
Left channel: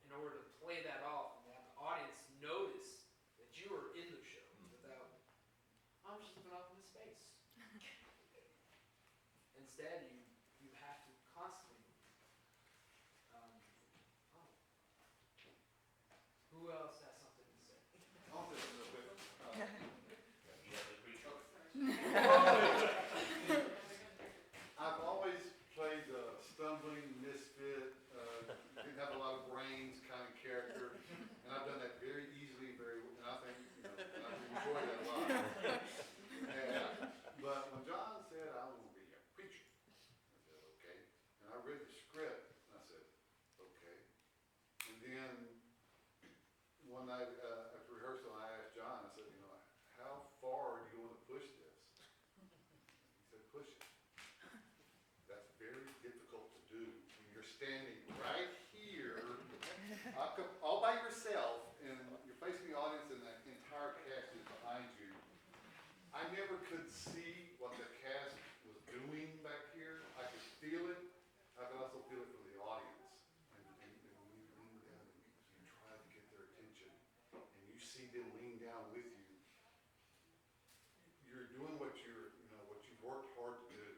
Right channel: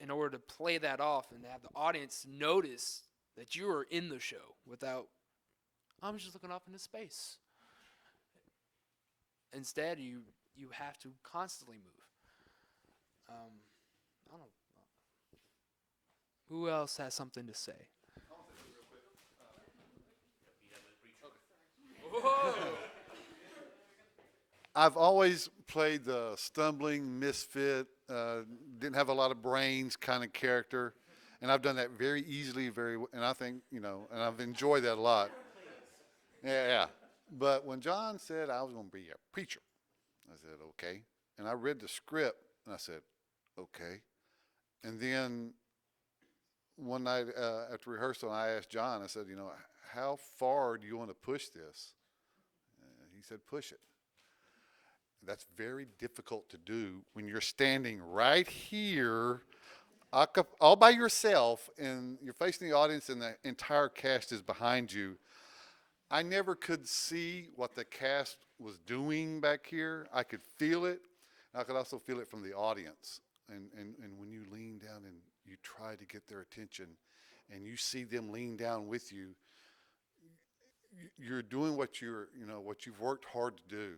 in order to play that off and have the audience notice that you are in the show without, I'm just looking up into space. Instead, you have to constantly move. I don't know. Who else has something to say? I've always played the stumbling misfit, didn't have a lot of brains kind of character, and I've done that very easily, and I think, and I've enjoyed that a lot. Yeah. But when John said I was going to be a preacher, I said, okay. And I read the script, and I said, okay. And then one night after rehearsal, I asked John, I said, how far do you want to push this? And he said, push it. That's very difficult to do when you're standing right here all by yourself and you're facing the audience and the entire cast is behind you. I never could see what the cast was doing back here. I could feel it. I could also feel it from the audience. And when you lean down and you try to get their attention and you see them lean down with you, you're doing what you've worked hard to do.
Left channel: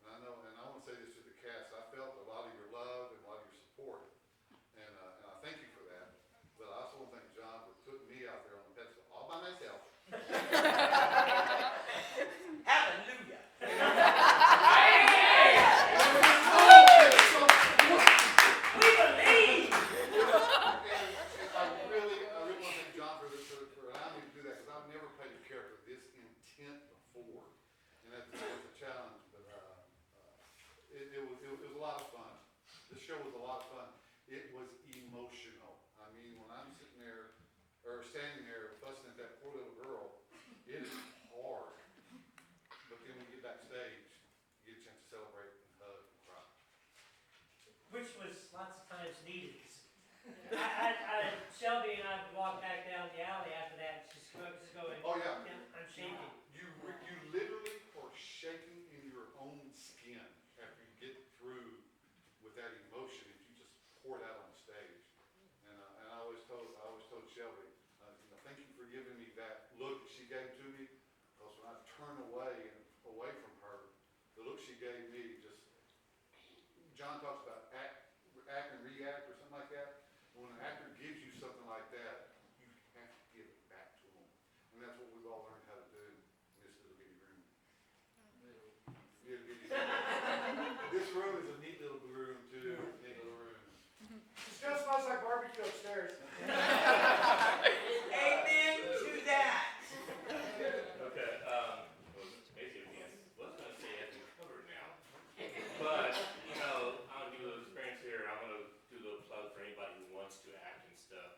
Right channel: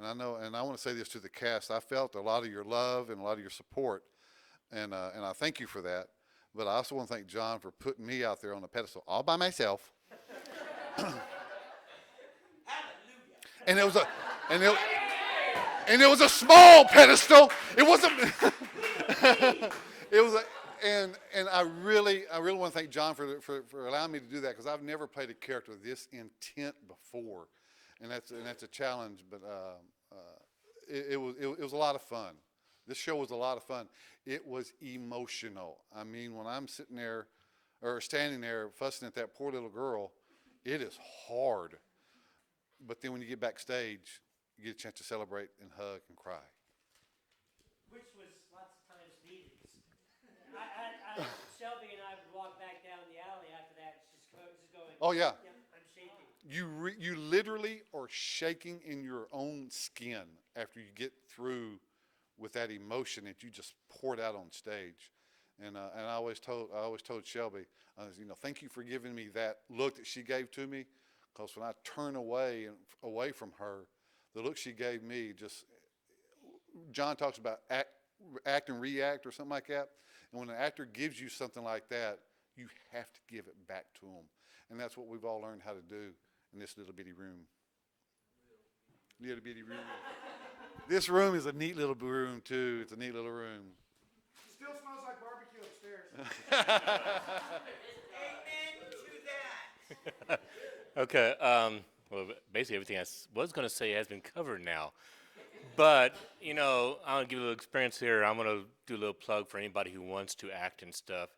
And I know, and I want to say this to the cast, I felt a lot of your love and a lot of your support, and I thank you for that. But I also want to thank John for putting me out there on a pedestal all by myself. And it was a small pedestal. It wasn't. And I really want to thank John for allowing me to do that, because I've never played a character this intent before. And that's a challenge, but it was a lot of fun. This show was a lot of fun. It was emotional. I mean, when I'm sitting there or standing there fussing at that poor little girl, it is hard. But then when you get backstage, you get a chance to celebrate and hug and cry. Which was lots of times needed. Shelby and I would walk back down the alley after that and just going. Oh, yeah. I'm shaking. You literally are shaking in your own skin after you get through with that emotion that you just poured out on stage. And I always told Shelby, thank you for giving me that look that she gave to me, because when I turn away from her, the look she gave me John talks about act and react or something like that. And when an actor gives you something like that, you have to give it back to them. And that's what we've all learned how to do in this little bitty room. Little bitty room. This room is a neat little room, too. It's a neat little room. It still smells like barbecue upstairs. Amen to that. Okay, well, basically everything I was going to say has been covered now. But, I'm going to give you a little experience here. I'm going to do a little plug for anybody who wants to act and stuff.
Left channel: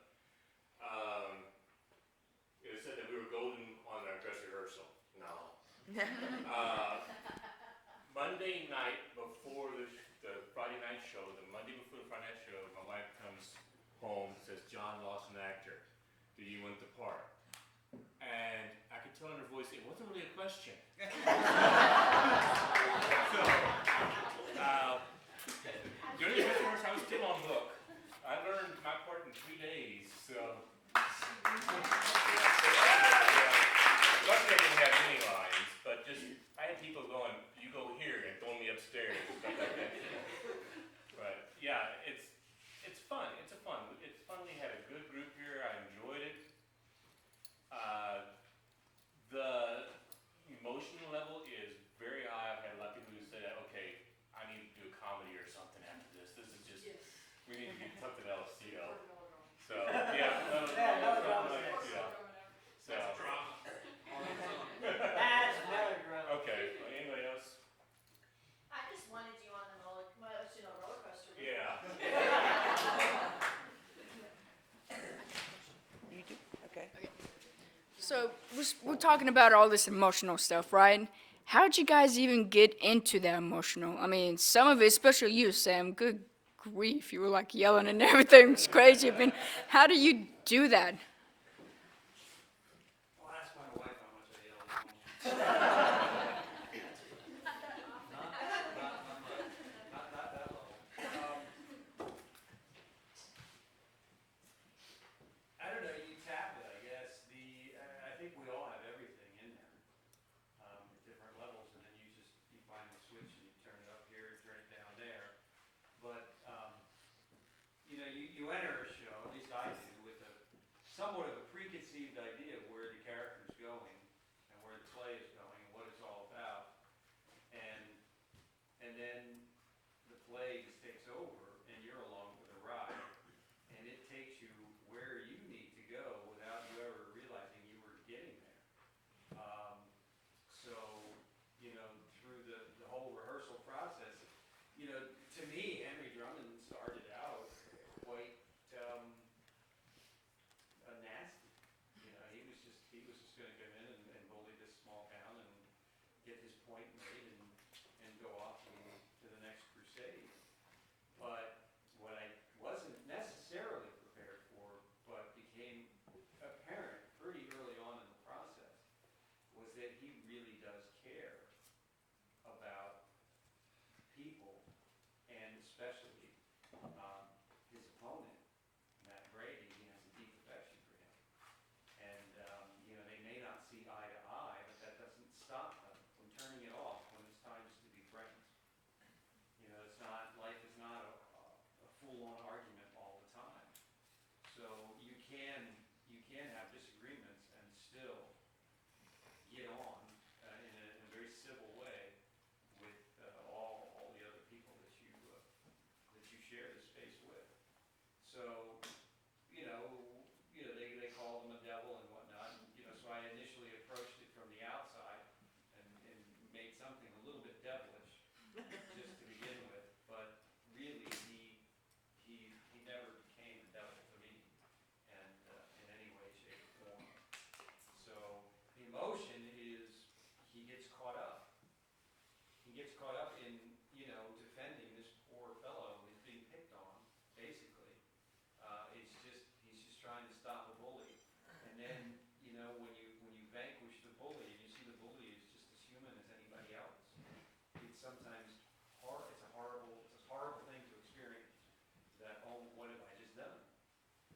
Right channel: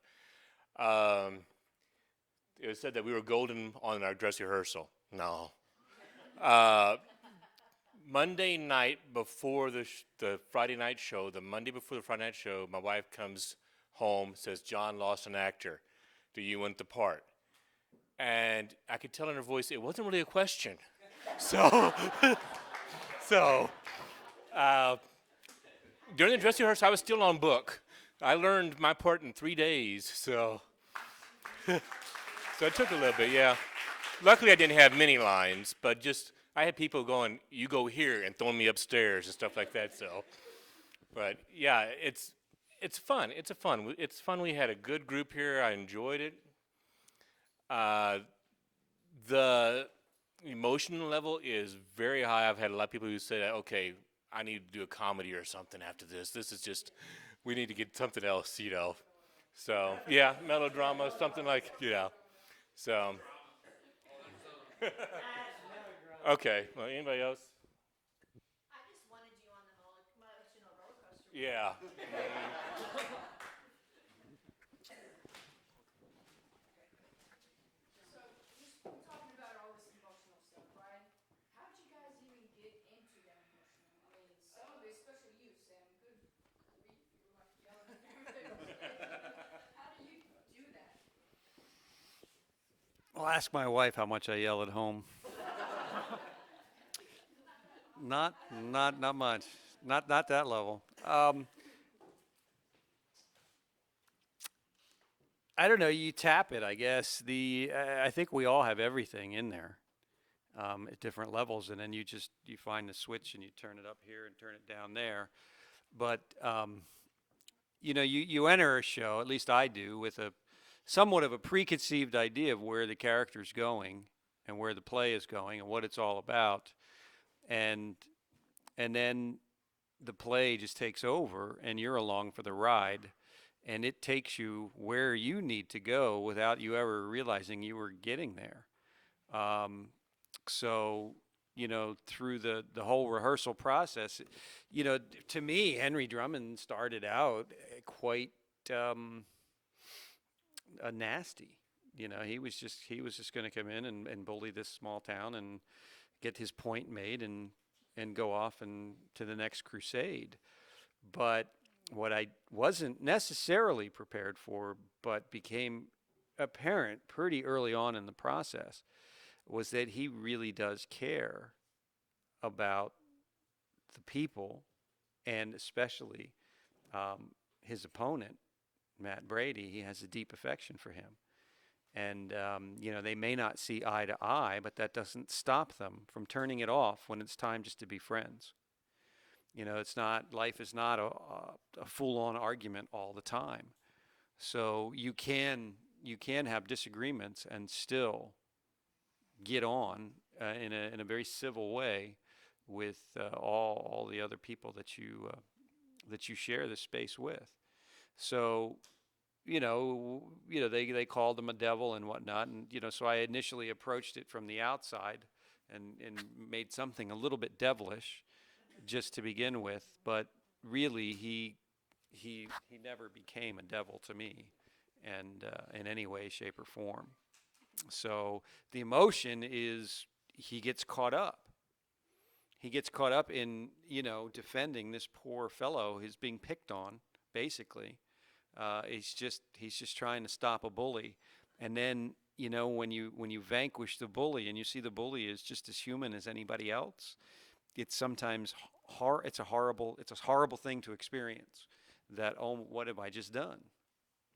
It was said that we were golden on our dress rehearsal. No. Monday night before the Friday night show, the Monday before the Friday night show, my wife comes home, says, John lost an actor. Do you want the part? And I could tell in her voice it wasn't really a question. During the dress rehearsal, I was still on book. I learned my part in 3 days, so it took a little bit, yeah. Luckily, I didn't have many lines, but I had people going, you go here, and throwing me upstairs and stuff like that, so. But, yeah, it's fun. It's fun. We had a good group here. I enjoyed it. The emotional level is very high. I've had a lot of people who say, okay, I need to do a comedy or something after this. This is just, we need to get something else, you know. So, yeah, melodrama, something like, yeah. So. Okay, well, anybody else? I just wanted you on the emotional roller coaster. Yeah. You do, okay. So we're talking about all this emotional stuff, right? How did you guys even get into that emotional? I mean, some of it, especially you, Sam, good grief, you were like yelling and everything was crazy. I mean, how do you do that? Well, ask my wife how much I yell at home. Not much. Not that level. I don't know. You tap it, I guess. I think we all have everything in there at different levels, and then you find the switch and you turn it up here and turn it down there. But you enter a show, at least I do, with a somewhat of a preconceived idea of where the character's going and where the play is going and what it's all about, and then the play just takes over and you're along for the ride, and it takes you where you need to go without you ever realizing you were getting there. So through the whole rehearsal process, to me, Henry Drummond started out quite nasty. He was just going to come in and bully this small town and get his point made and go off and to the next crusade. But what I wasn't necessarily prepared for, but became apparent pretty early on in the process, was that he really does care about the people, and especially his opponent, Matt Brady. He has a deep affection for him. And, they may not see eye to eye, but that doesn't stop them from turning it off when it's time just to be friends. Life is not a full-on argument all the time. So you can have disagreements and still get on in a very civil way with all the other people that you share this space with. So, they called him a devil and whatnot, and so I initially approached it from the outside and made something a little bit devilish, just to begin with. But really, he never became a devil to me, and in any way, shape, or form. So the emotion is he gets caught up. He gets caught up in defending this poor fellow who's being picked on, basically. He's just trying to stop a bully, and then when you vanquish the bully and you see the bully is just as human as anybody else, it's sometimes it's a horrible thing to experience. That, oh, what have I just done?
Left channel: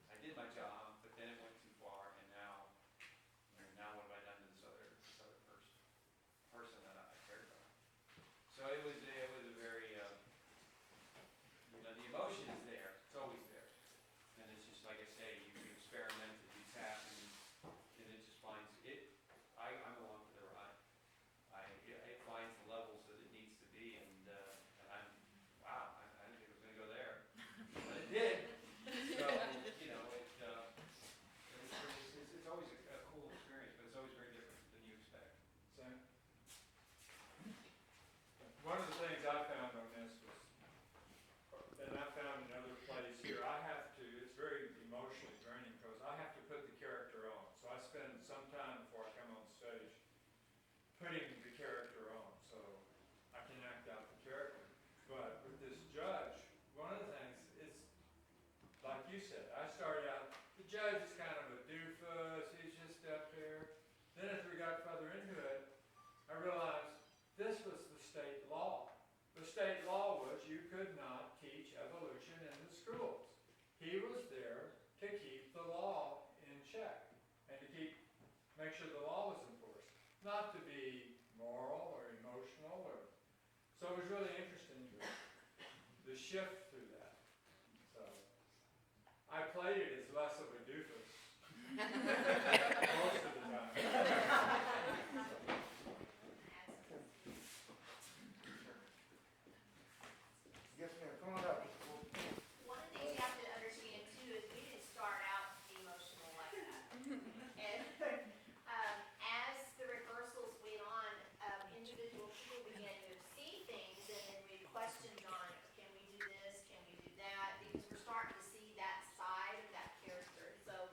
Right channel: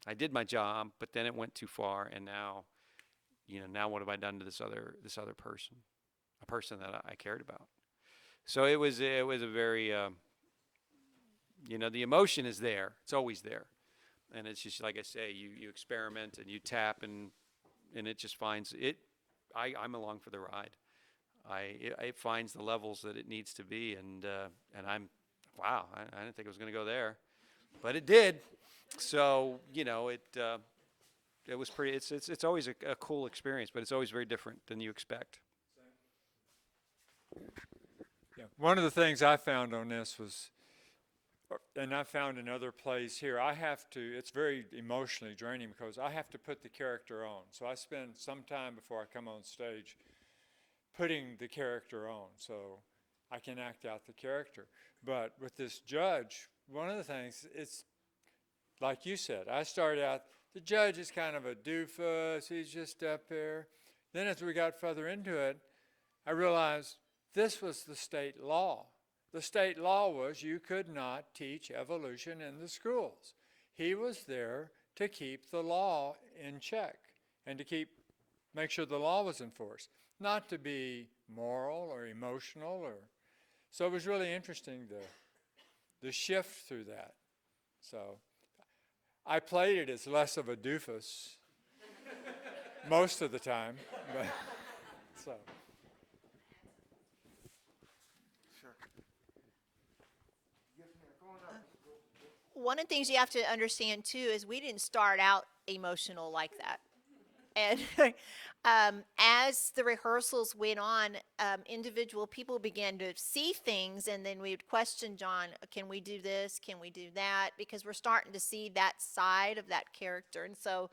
I did my job, but then it went too far, and now what have I done to this other person, a person that I cared about? So it was a very the emotion is there. It's always there. And it's just like I say, you experiment and you tap and it just finds it. I'm along for the ride. It finds the levels that it needs to be, and I'm wow. I didn't think it was going to go there, but it did. So it was pretty. It's always a cool experience, but it's always very different than you expect. Yeah. One of the things I found on this was, and I found in other plays here, it's very emotionally draining because I have to put the character on. So I spend some time before I come on stage putting the character on so I can act out the character. But with this judge, one of the things, it's like you said, I started out, the judge is kind of a doofus, he's just up there. Then as we got further into it, I realized this was the state law. The state law was you could not teach evolution in the schools. He was there to keep the law in check and to make sure the law was enforced, not to be moral or emotional. So it was really interesting the shift through that. So I played it as less of a doofus most of the time. So. one of the things you have to understand too is we didn't start out emotional like that. And as the rehearsals went on, individual people began to see things, and then we would question John, can we do this, can we do that? Because we're starting to see that side of that character. And so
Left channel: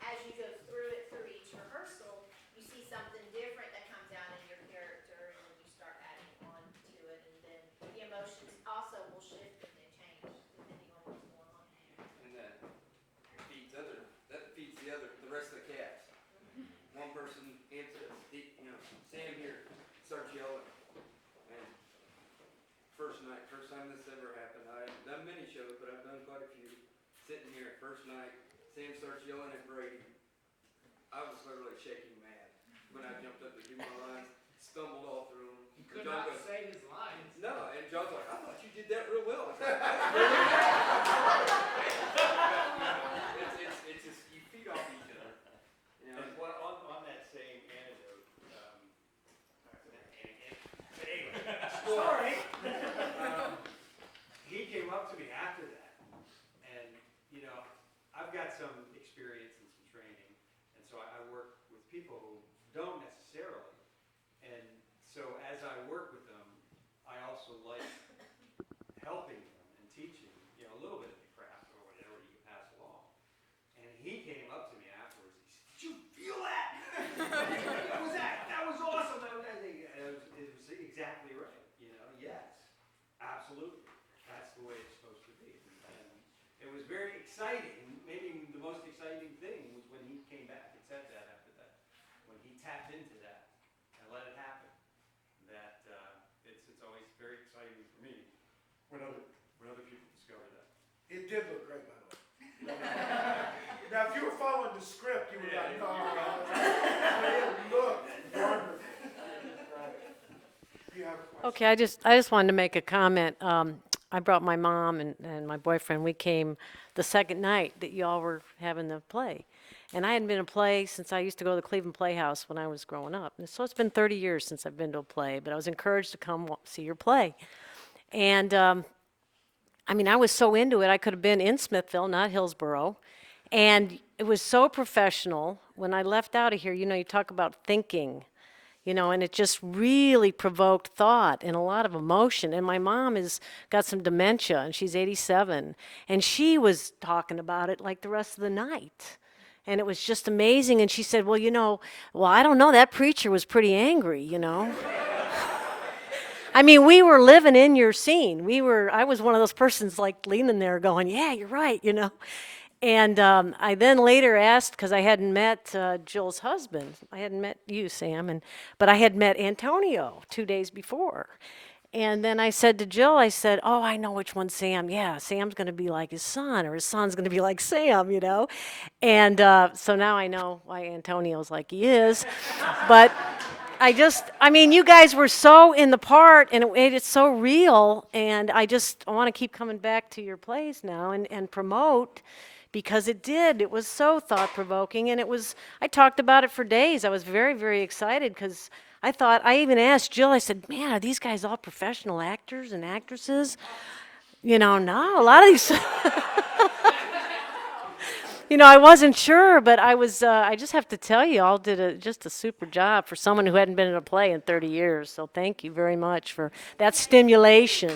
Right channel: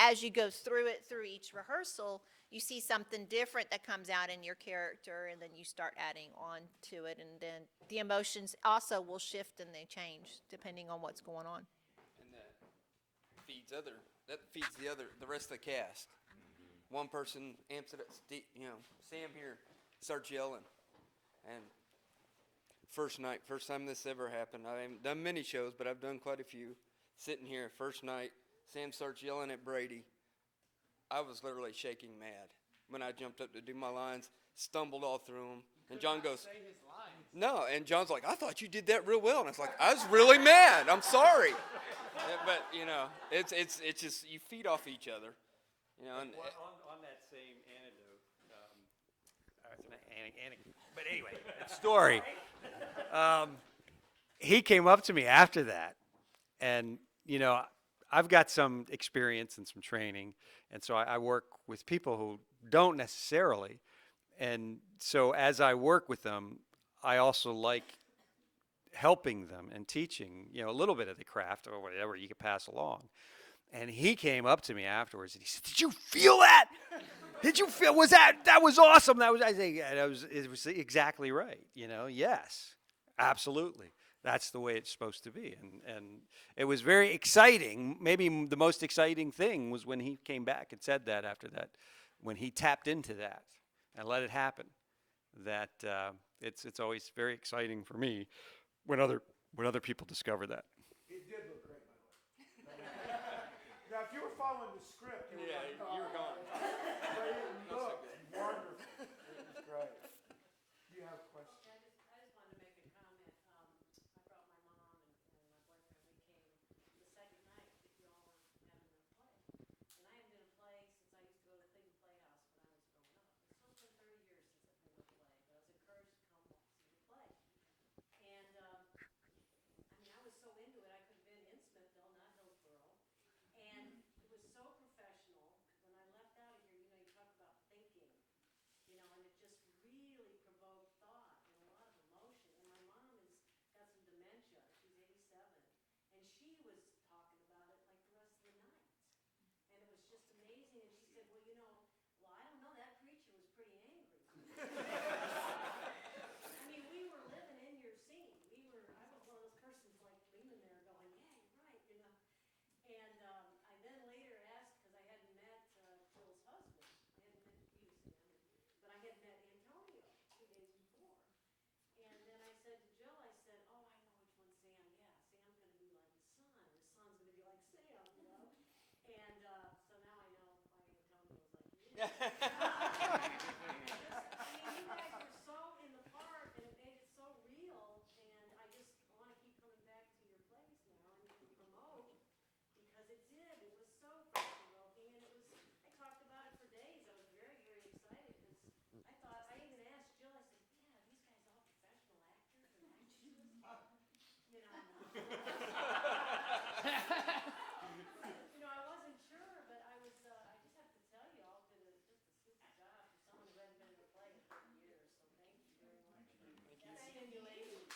as you go through each rehearsal, you see something different that comes out in your character, and then you start adding on to it, and then the emotions also will shift and they change depending on what's going on. And that feeds the rest of the cast. One person amps it up, Sam here starts yelling, and first time this ever happened. I haven't done many shows, but I've done quite a few. Sitting here, first night, Sam starts yelling at Brady. I was literally shaking mad when I jumped up to do my lines, stumbled all through them, and John goes, "No," and John's like, "I thought you did that real well," and I was like, "I was really mad. I'm sorry." But it's just you feed off each other. And on that same anecdote, but anyway, story. He came up to me after that, and I've got some experience and some training, and so I work with people who don't necessarily, and so as I work with them, I also like helping them and teaching, a little bit of the craft or whatever you could pass along. And he came up to me afterwards and he said, "Did you feel that? Did you feel, that was awesome." It was exactly right. Yes, absolutely. That's the way it's supposed to be. And it was very exciting. Maybe the most exciting thing was when he came back and said that after that, when he tapped into that and let it happen. That it's always very exciting for me when other people discover that. It did look great, by the way. Now, if you were following the script, you would like, it looked wonderful. Do you have a question? Okay, I just wanted to make a comment. I brought my mom and my boyfriend. We came the second night that y'all were having the play. And I hadn't been to a play since I used to go to the Cleveland Playhouse when I was growing up. And so it's been 30 years since I've been to a play, but I was encouraged to come see your play. And I was so into it, I could have been in Smithville, not Hillsborough. And it was so professional. When I left out of here, you talk about thinking, and it just really provoked thought and a lot of emotion. And my mom has got some dementia, and she's 87. And she was talking about it like the rest of the night. And it was just amazing. And she said, well, I don't know, that preacher was pretty angry, we were living in your scene. I was one of those persons like leaning there going, yeah, you're right, And I then later asked, because I hadn't met Jill's husband. I hadn't met you, Sam, but I had met Antonio 2 days before. And then I said to Jill, oh, I know which one's Sam. Yeah, Sam's going to be like his son, or his son's going to be like Sam, And so now I know why Antonio's like he is. But you guys were so in the part, and it's so real. And I want to keep coming back to your plays now and promote, because it was so thought-provoking. And I talked about it for days. I was very, very excited, because I even asked Jill, I said, man, are these guys all professional actors and actresses? No, a lot of these, I wasn't sure, but I just have to tell you, all did just a super job for someone who hadn't been in a play in 30 years. So thank you very much for that stimulation.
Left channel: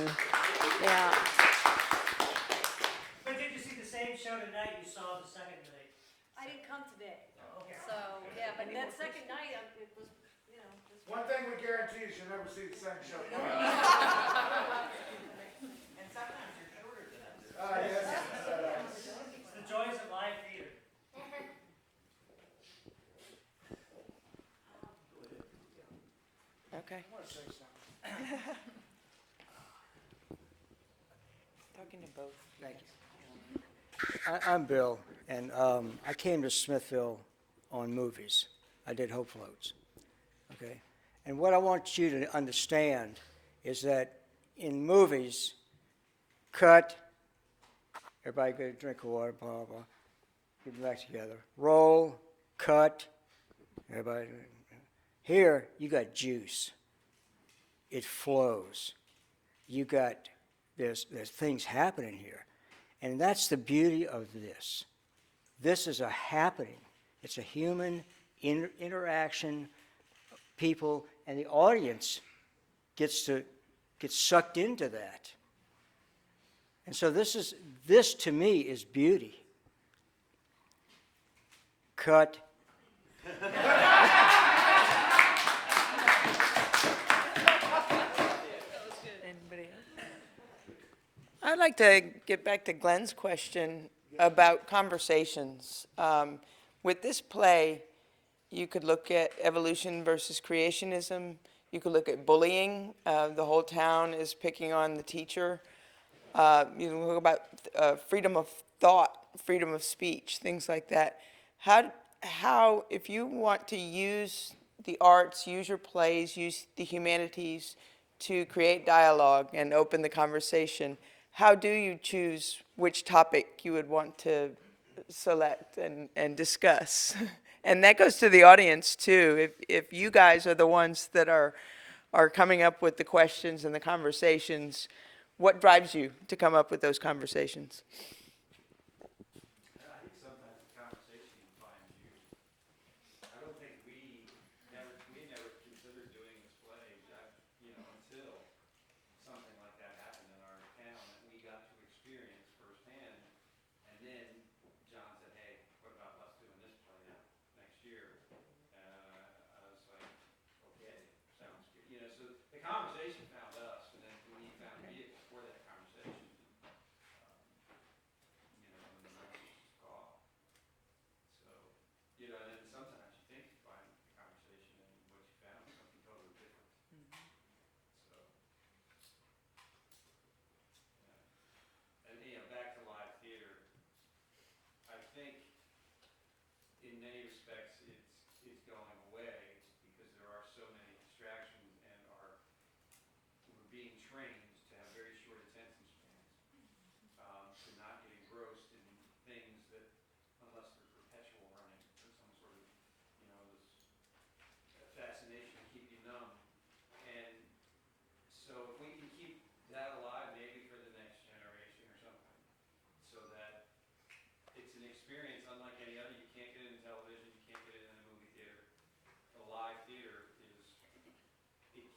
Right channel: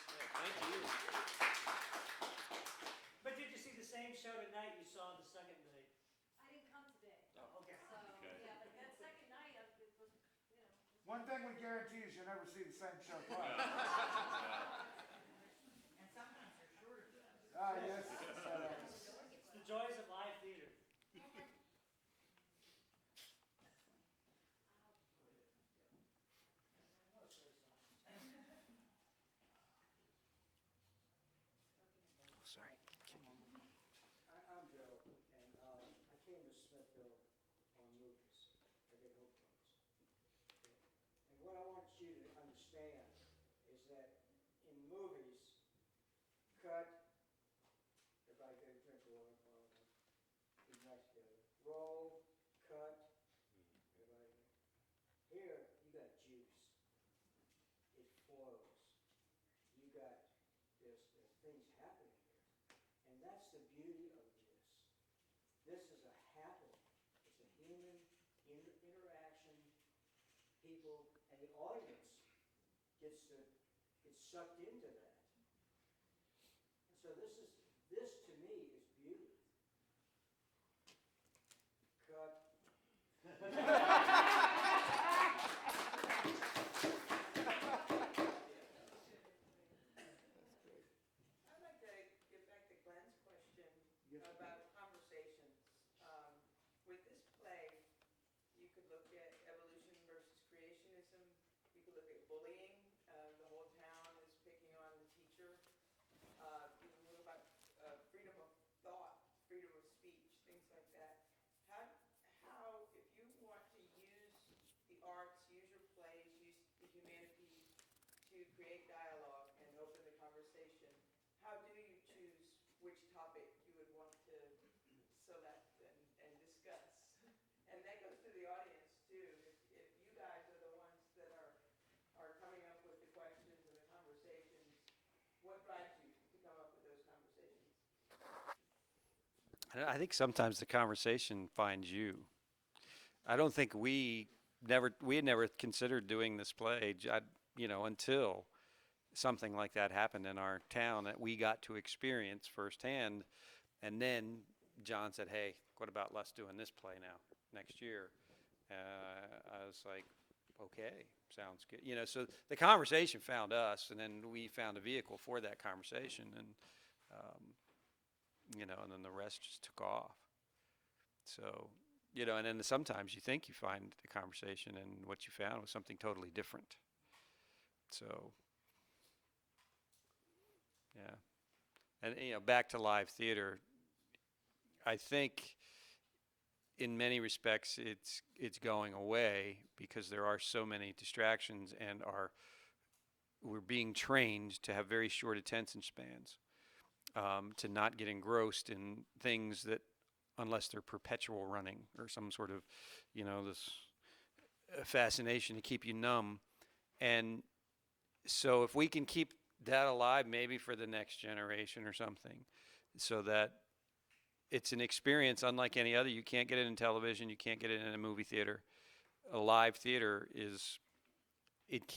Yeah. But did you see the same show tonight you saw the second night? I didn't come today. Oh, okay. So, yeah, but that second night, it was, One thing we guarantee is you'll never see the same show. And sometimes you're shorter than us. Yes. It's the joys of live theater. Okay. Talking to both. Thank you. I'm Bill, and I came to Smithville on movies. I did Hope Floats, okay? And what I want you to understand is that in movies, cut, everybody get a drink of water, blah, blah, blah, get it back together. Roll, cut, everybody. Here, you got juice. It flows. You got there's things happening here. And that's the beauty of this. This is a happening. It's a human interaction, people, and the audience gets sucked into that. And so this to me is beauty. Cut. Anybody else? I'd like to get back to Glenn's question about conversations. With this play, you could look at evolution versus creationism. You could look at bullying. The whole town is picking on the teacher. You can look about freedom of thought, freedom of speech, things like that. How, if you want to use the arts, use your plays, use the humanities to create dialogue and open the conversation, how do you choose which topic you would want to select and discuss? And that goes to the audience too. If you guys are the ones that are coming up with the questions and the conversations, what drives you to come up with those conversations? I think sometimes the conversation finds you. I don't think we had never considered doing this play, until something like that happened in our town that we got to experience firsthand. And then John said, "Hey, what about us doing this play now next year?" I was like, "Okay, sounds good." So the conversation found us, and then we found a vehicle for that conversation, and and then the rest just took off. So, and then sometimes you think you find the conversation, and what you found was something totally different. So, yeah. And, back to live theater, I think in many respects it's going away because there are so many distractions, and we're being trained to have very short attention spans, to not get engrossed in things that, unless they're perpetual running or some sort of, this fascination to keep you numb. And so if we can keep that alive maybe for the next generation or something, so that it's an experience unlike any other. You can't get it in television. You can't get it in a movie theater. A live theater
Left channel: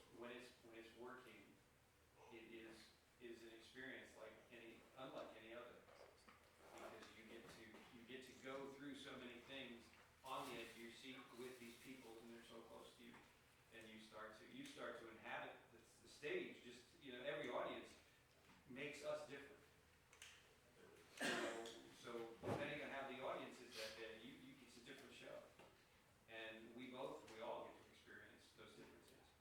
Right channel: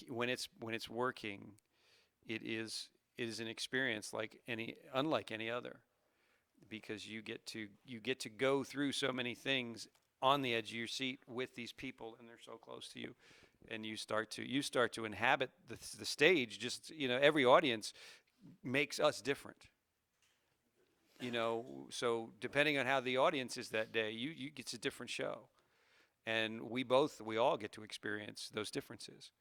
when it's working, it is an experience unlike any other, because you get to go through so many things on the edge of your seat with these people, and they're so close to you, and you start to inhabit the stage. Just every audience makes us different. So depending on how the audience is that day, it's a different show, and we all get to experience those differences.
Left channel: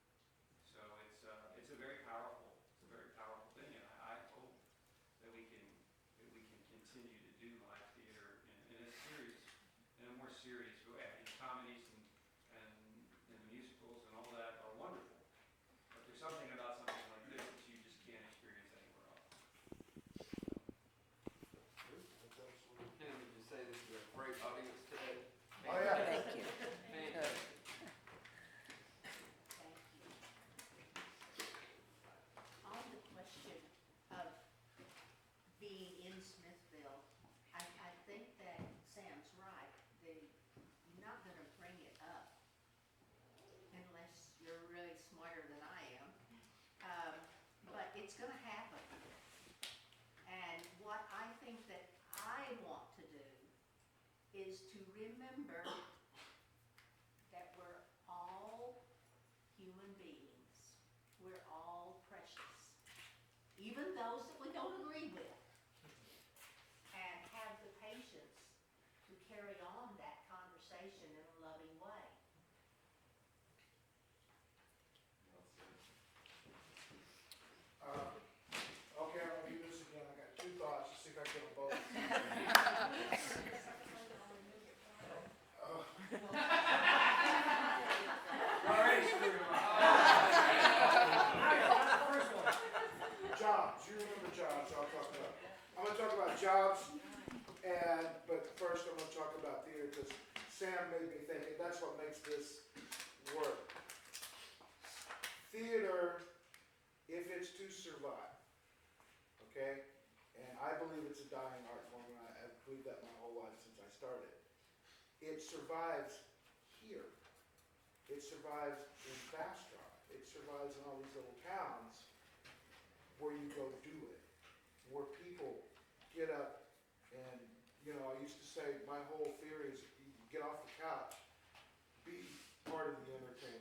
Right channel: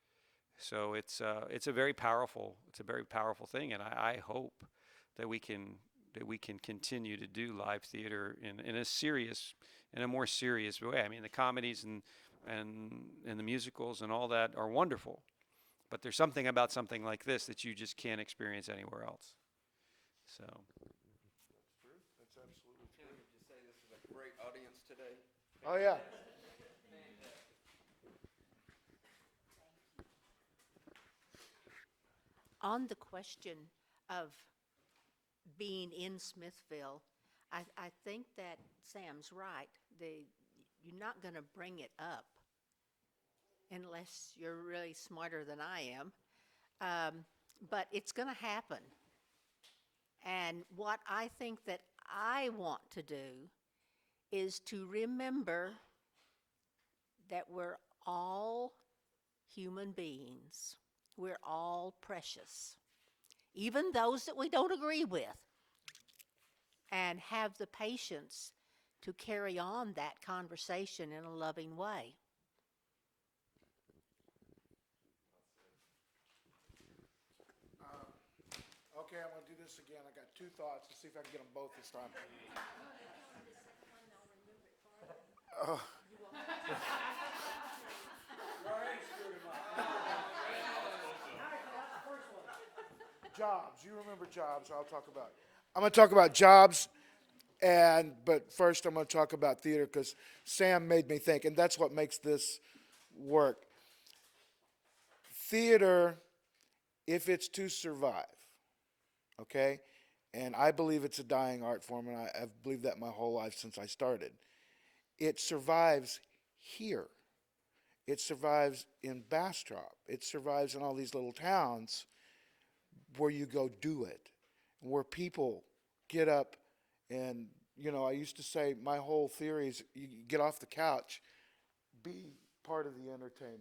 So it's a very powerful thing, and I hope that we can continue to do live theater in a more serious way. I mean, the comedies and the musicals and all that are wonderful, but there's something about something like this that you just can't experience anywhere else. So. Oh, yeah. Thank you. On the question of being in Smithville, I think that Sam's right. You're not going to bring it up unless you're really smarter than I am. But it's going to happen. And what I think that I want to do is to remember that we're all human beings. We're all precious, even those that we don't agree with, and have the patience to carry on that conversation in a loving way. Okay, I'm going to do this again. I got two thoughts. Let's see if I can get them both this time. Jobs. You remember jobs, so I'll talk about it. I'm going to talk about jobs, but first I'm going to talk about theater because Sam made me think, and that's what makes this work. Theater, if it's to survive, okay? And I believe it's a dying art form, and I've believed that my whole life since I started. It survives here. It survives in Bastrop. It survives in all these little towns where you go do it, where people get up and, you know, I used to say my whole theory is you get off the couch, be part of the entertainment.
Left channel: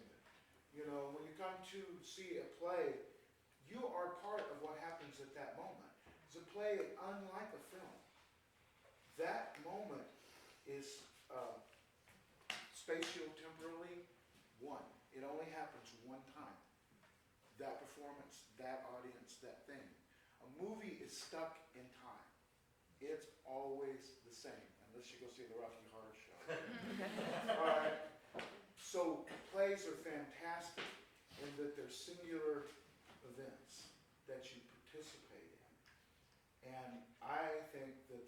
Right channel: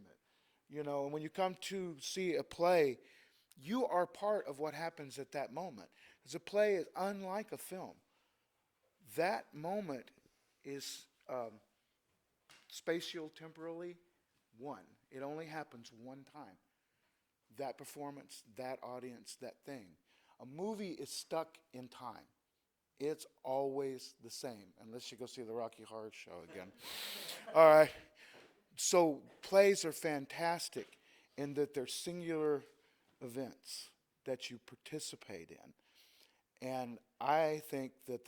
You know, and when you come to see a play, you are part of what happens at that moment. Because a play is unlike a film. That moment is spatio-temporally one. It only happens one time. That performance, that audience, that thing. A movie is stuck in time. It's always the same, unless you go see the Rocky Horror Show again. All right. So plays are fantastic in that they're singular events that you participate in. And I think that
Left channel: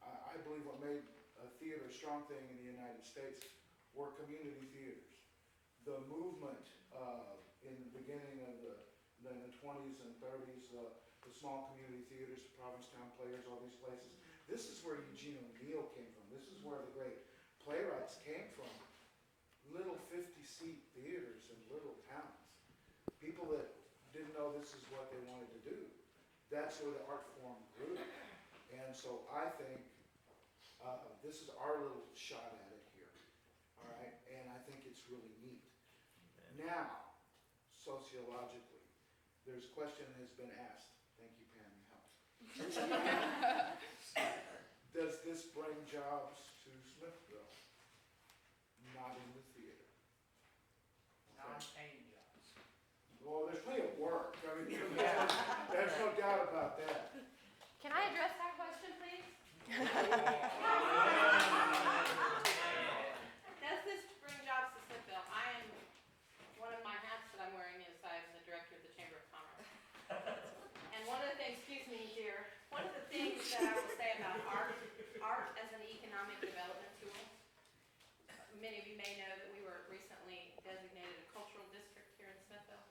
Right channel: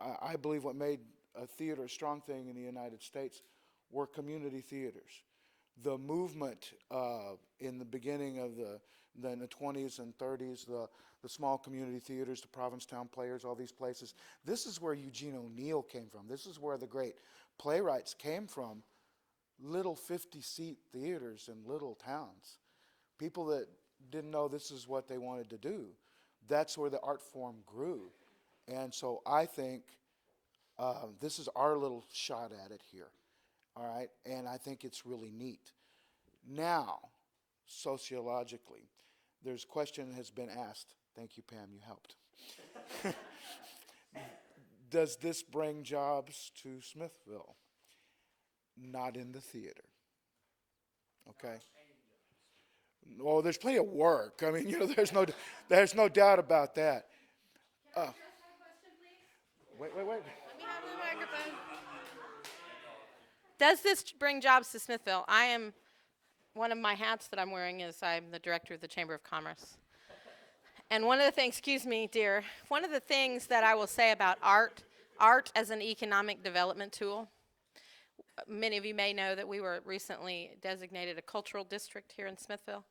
I believe what made a theater a strong thing in the United States were community theaters. The movement in the beginning of the 20s and 30s, the small community theaters, the Provincetown Players, all these places. This is where Eugene O'Neill came from. This is where the great playwrights came from. Little 50-seat theaters in little towns. People that didn't know this is what they wanted to do. That's where the art form grew. And so I think this is our little shot at it here. All right? And I think it's really neat. Now, sociologically, there's a question that has been asked. Thank you, Pam, you helped. Does this bring jobs to Smithville? Not in the theater. Okay? Oh, there's plenty of work. I mean, you know, there's no doubt about that. Can I address that question, please? Does this bring jobs to Smithville? One of my hats that I'm wearing is I'm the director of the Chamber of Commerce. And one of the things, excuse me, dear, one of the things that I will say about art as an economic development tool, many of you may know that we were recently designated a cultural district here in Smithville.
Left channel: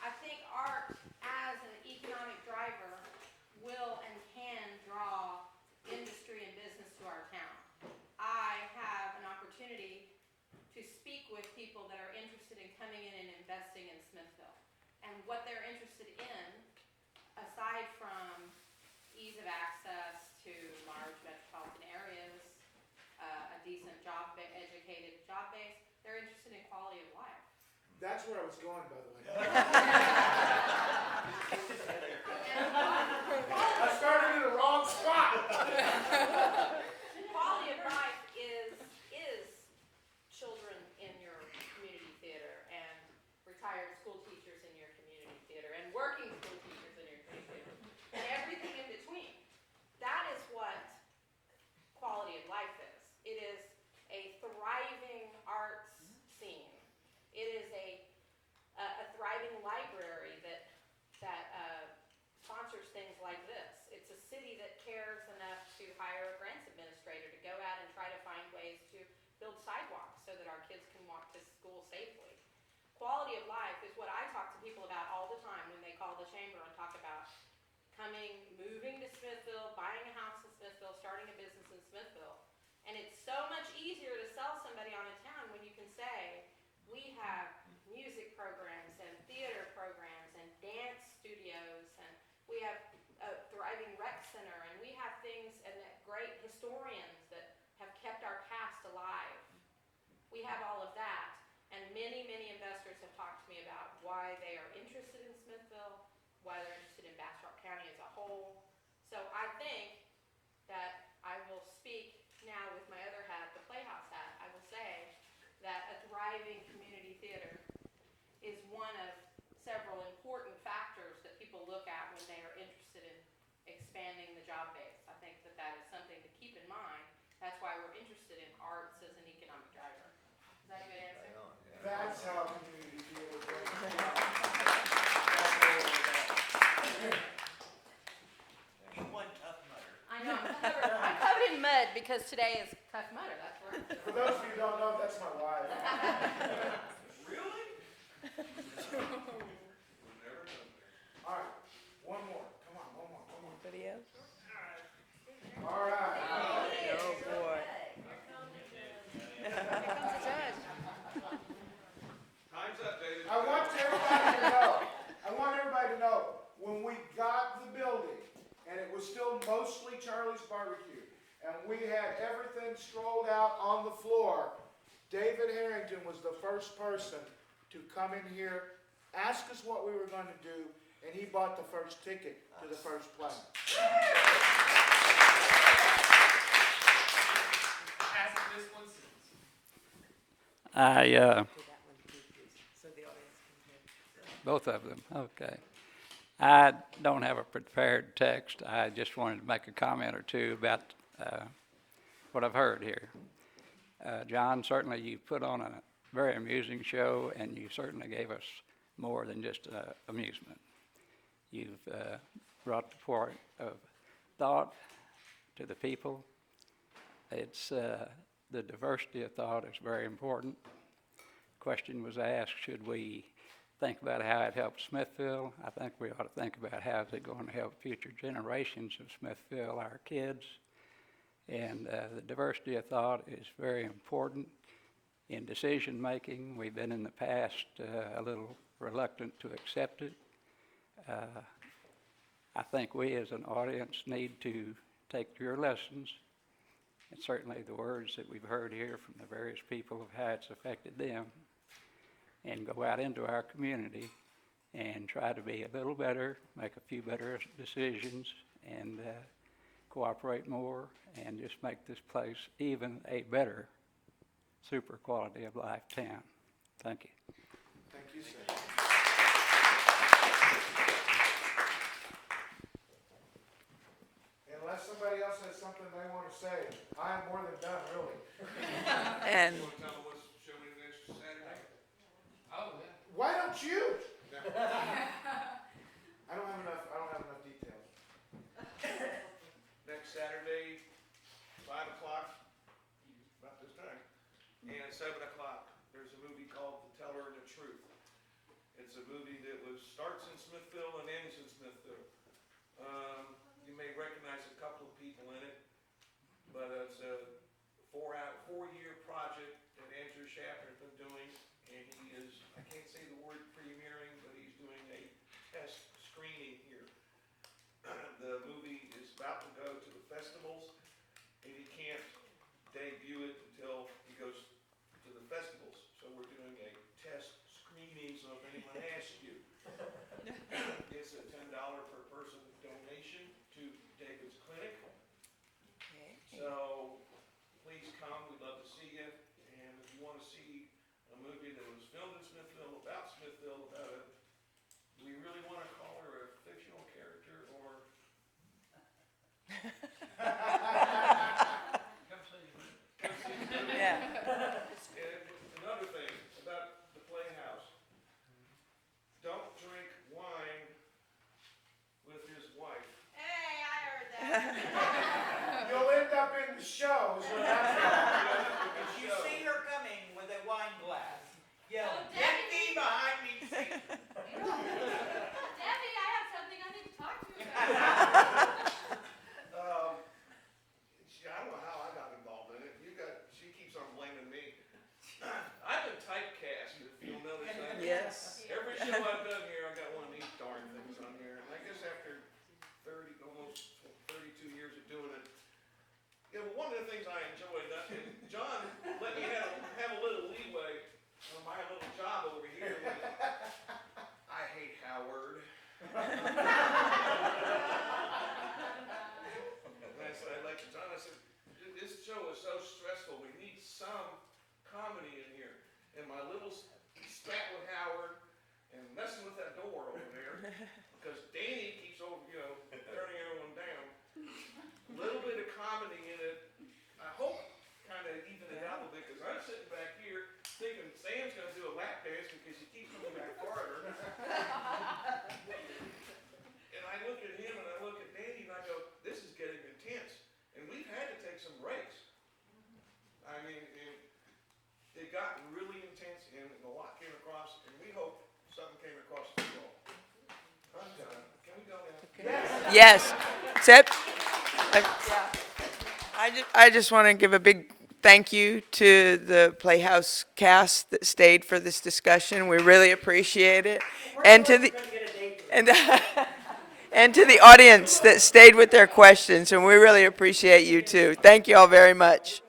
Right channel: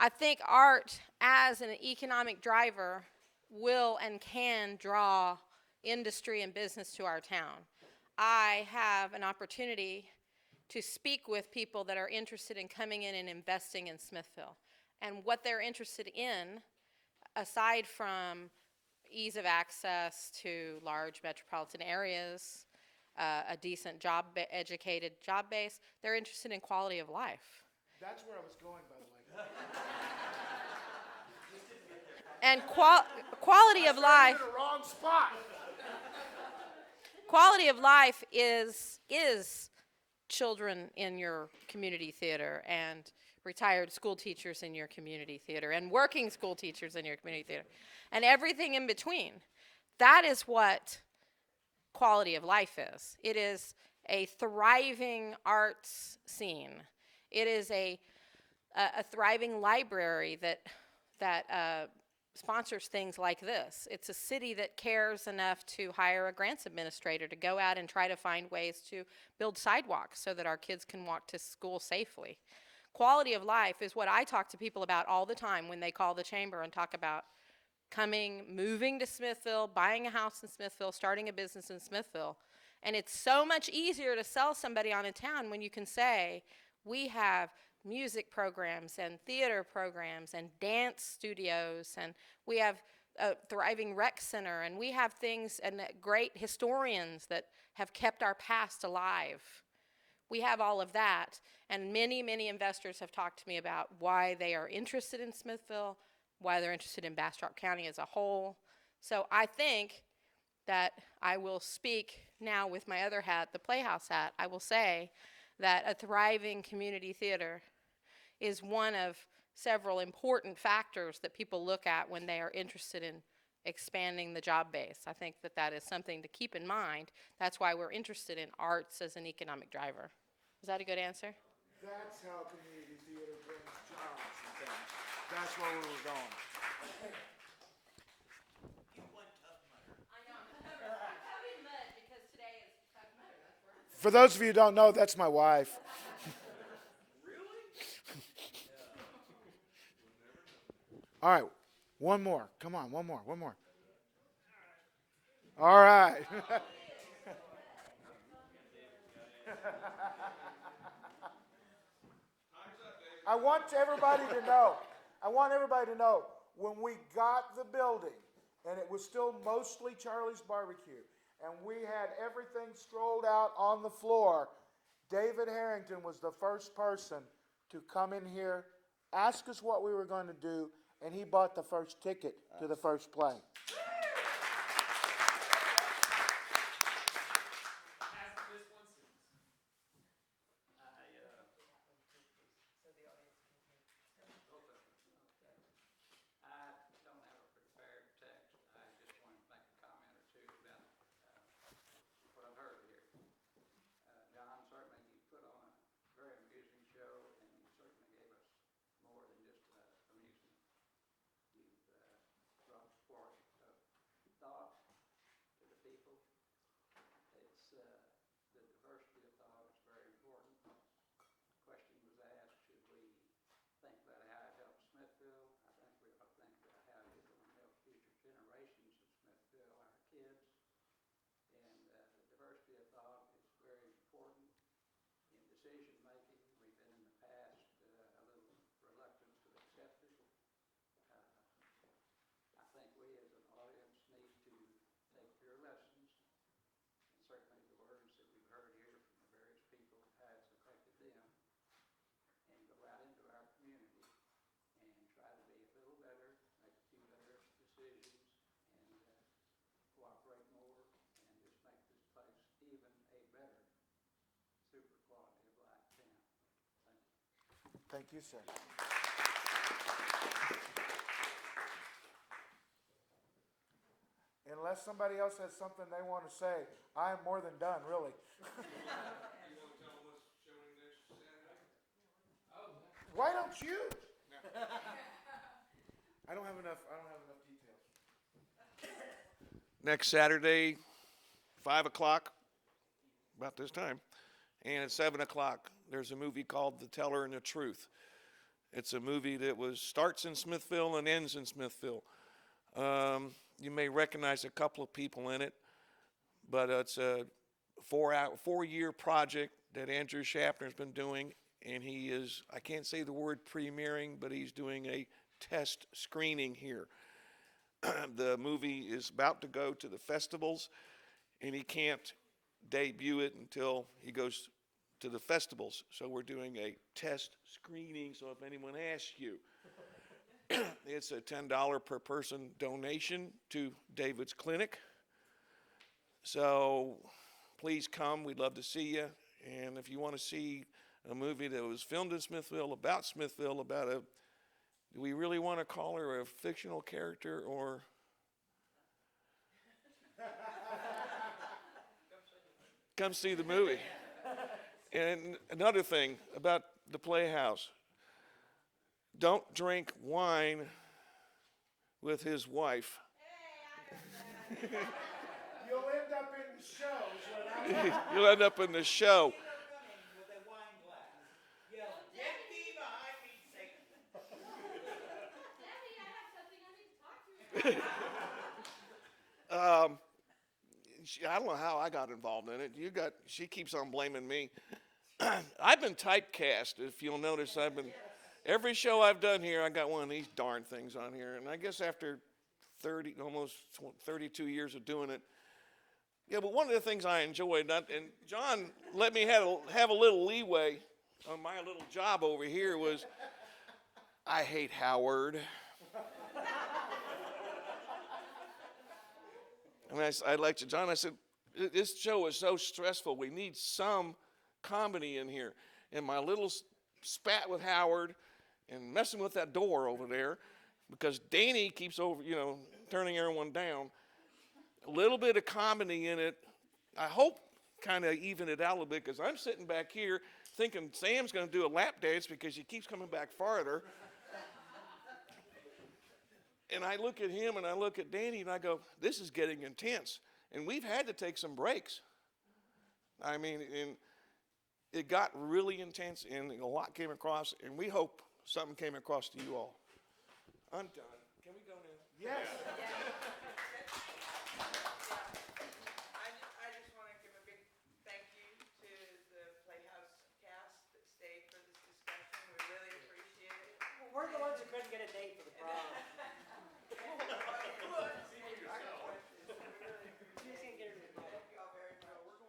I think art as an economic driver will and can draw industry and business to our town. I have an opportunity to speak with people that are interested in coming in and investing in Smithville. And what they're interested in, aside from ease of access to large metropolitan areas, a decent educated job base, they're interested in quality of life. That's where I was going, by the way. And quality of life. In the wrong spot. Quality of life is children in your community theater, and retired school teachers in your community theater, and working school teachers in your community theater, and everything in between. That is what quality of life is. It is a thriving arts scene. It is a thriving library that sponsors things like this. It's a city that cares enough to hire a grants administrator to go out and try to find ways to build sidewalks so that our kids can walk to school safely. Quality of life is what I talk to people about all the time when they call the chamber and talk about moving to Smithville, buying a house in Smithville, starting a business in Smithville. And it's so much easier to sell somebody on a town when you can say, we have music programs and theater programs and dance studios, and we have a thriving rec center, and we have things and great historians that have kept our past alive. We have all of that, and many, many investors have talked to me about why they are interested in Smithville, why they're interested in Bastrop County as a whole. So I think that I will speak now with my other hat, the Playhouse hat. I will say that a thriving community theater is one of several important factors that people look at when they are interested in expanding the job base. I think that that is something to keep in mind. That's why we're interested in arts as an economic driver. Is that a good answer? That's how community theater I know, I'm covered in mud because today is Tough Mudder. That's where. For those of you who don't know, that's my wife. All right, one more. Come on, one more. Anybody else? All right. Oh, boy. I want everybody to know, when we got the building, and it was still mostly Charlie's Barbecue, and we had everything strolled out on the floor, David Harrington was the first person to come in here, ask us what we were going to do, and he bought the first ticket to the first play. Both of them, okay. I don't have a prepared text. I just wanted to make a comment or two about what I've heard here. John, certainly you put on a very amusing show, and you certainly gave us more than just amusement. You've brought the point of thought to the people. It's the diversity of thought is very important. Question was asked, should we think about how it helps Smithville? I think we ought to think about how is it going to help future generations of Smithville, our kids. And the diversity of thought is very important in decision making. We've been in the past a little reluctant to accept it. I think we as an audience need to take your lessons, and certainly the words that we've heard here from the various people of how it's affected them, and go out into our community and try to be a little better, make a few better decisions, and cooperate more, and just make this place even a better super quality of life town. Thank you. Thank you, sir. Unless somebody else has something they want to say, I am more than done, really. And why don't you? I don't have enough details. Next Saturday, 5 o'clock, about this time, and at 7 o'clock, there's a movie called The Teller and the Truth. It's a movie that starts in Smithville and ends in Smithville. You may recognize a couple of people in it, but it's a four-year project that Andrew Schaffner's been doing, and he is, I can't say the word premiering, but he's doing a test screening here. The movie is about to go to the festivals, and he can't debut it until he goes to the festivals. So we're doing a test screening, so if anyone asks you, it's a $10 per person donation to David's Clinic. So please come, we'd love to see you. And if you want to see a movie that was filmed in Smithville, about do we really want to call her a fictional character, or? Come see the movie. Yeah. And another thing about the Playhouse, don't drink wine with his wife. You'll end up in the show. Is what happens. You'll end up in the show. See her coming with a wine glass. Yelling, get thee behind me, Satan. Debbie, I have something I need to talk to you about. I don't know how I got involved in it. She keeps on blaming me. I've been typecast, if you'll notice. Yes. Every show I've done here, I got one of these darn things on here. And I guess after almost 32 years of doing it, yeah, but one of the things I enjoyed, and John let me have a little leeway on my little job over here, was I hate Howard. And I like to John, I said, this show is so stressful. We need some comedy in here. And my little spat with Howard and messing with that door over there, because Danny keeps turning everyone down. A little bit of comedy in it. I hope kind of even it out a little bit, because I'm sitting back here thinking Sam's going to do a lap dance because he keeps coming back farther. And I look at him and I look at Danny and I go, this is getting intense. And we've had to take some breaks. I mean, and it got really intense and a lot came across, and we hope something came across to you all. I'm done. Can we go now? Yes. Seth? I just want to give a big thank you to the Playhouse cast that stayed for this discussion. We really appreciate it. And to the and to the audience that stayed with their questions, and we really appreciate you too. Thank you all very much.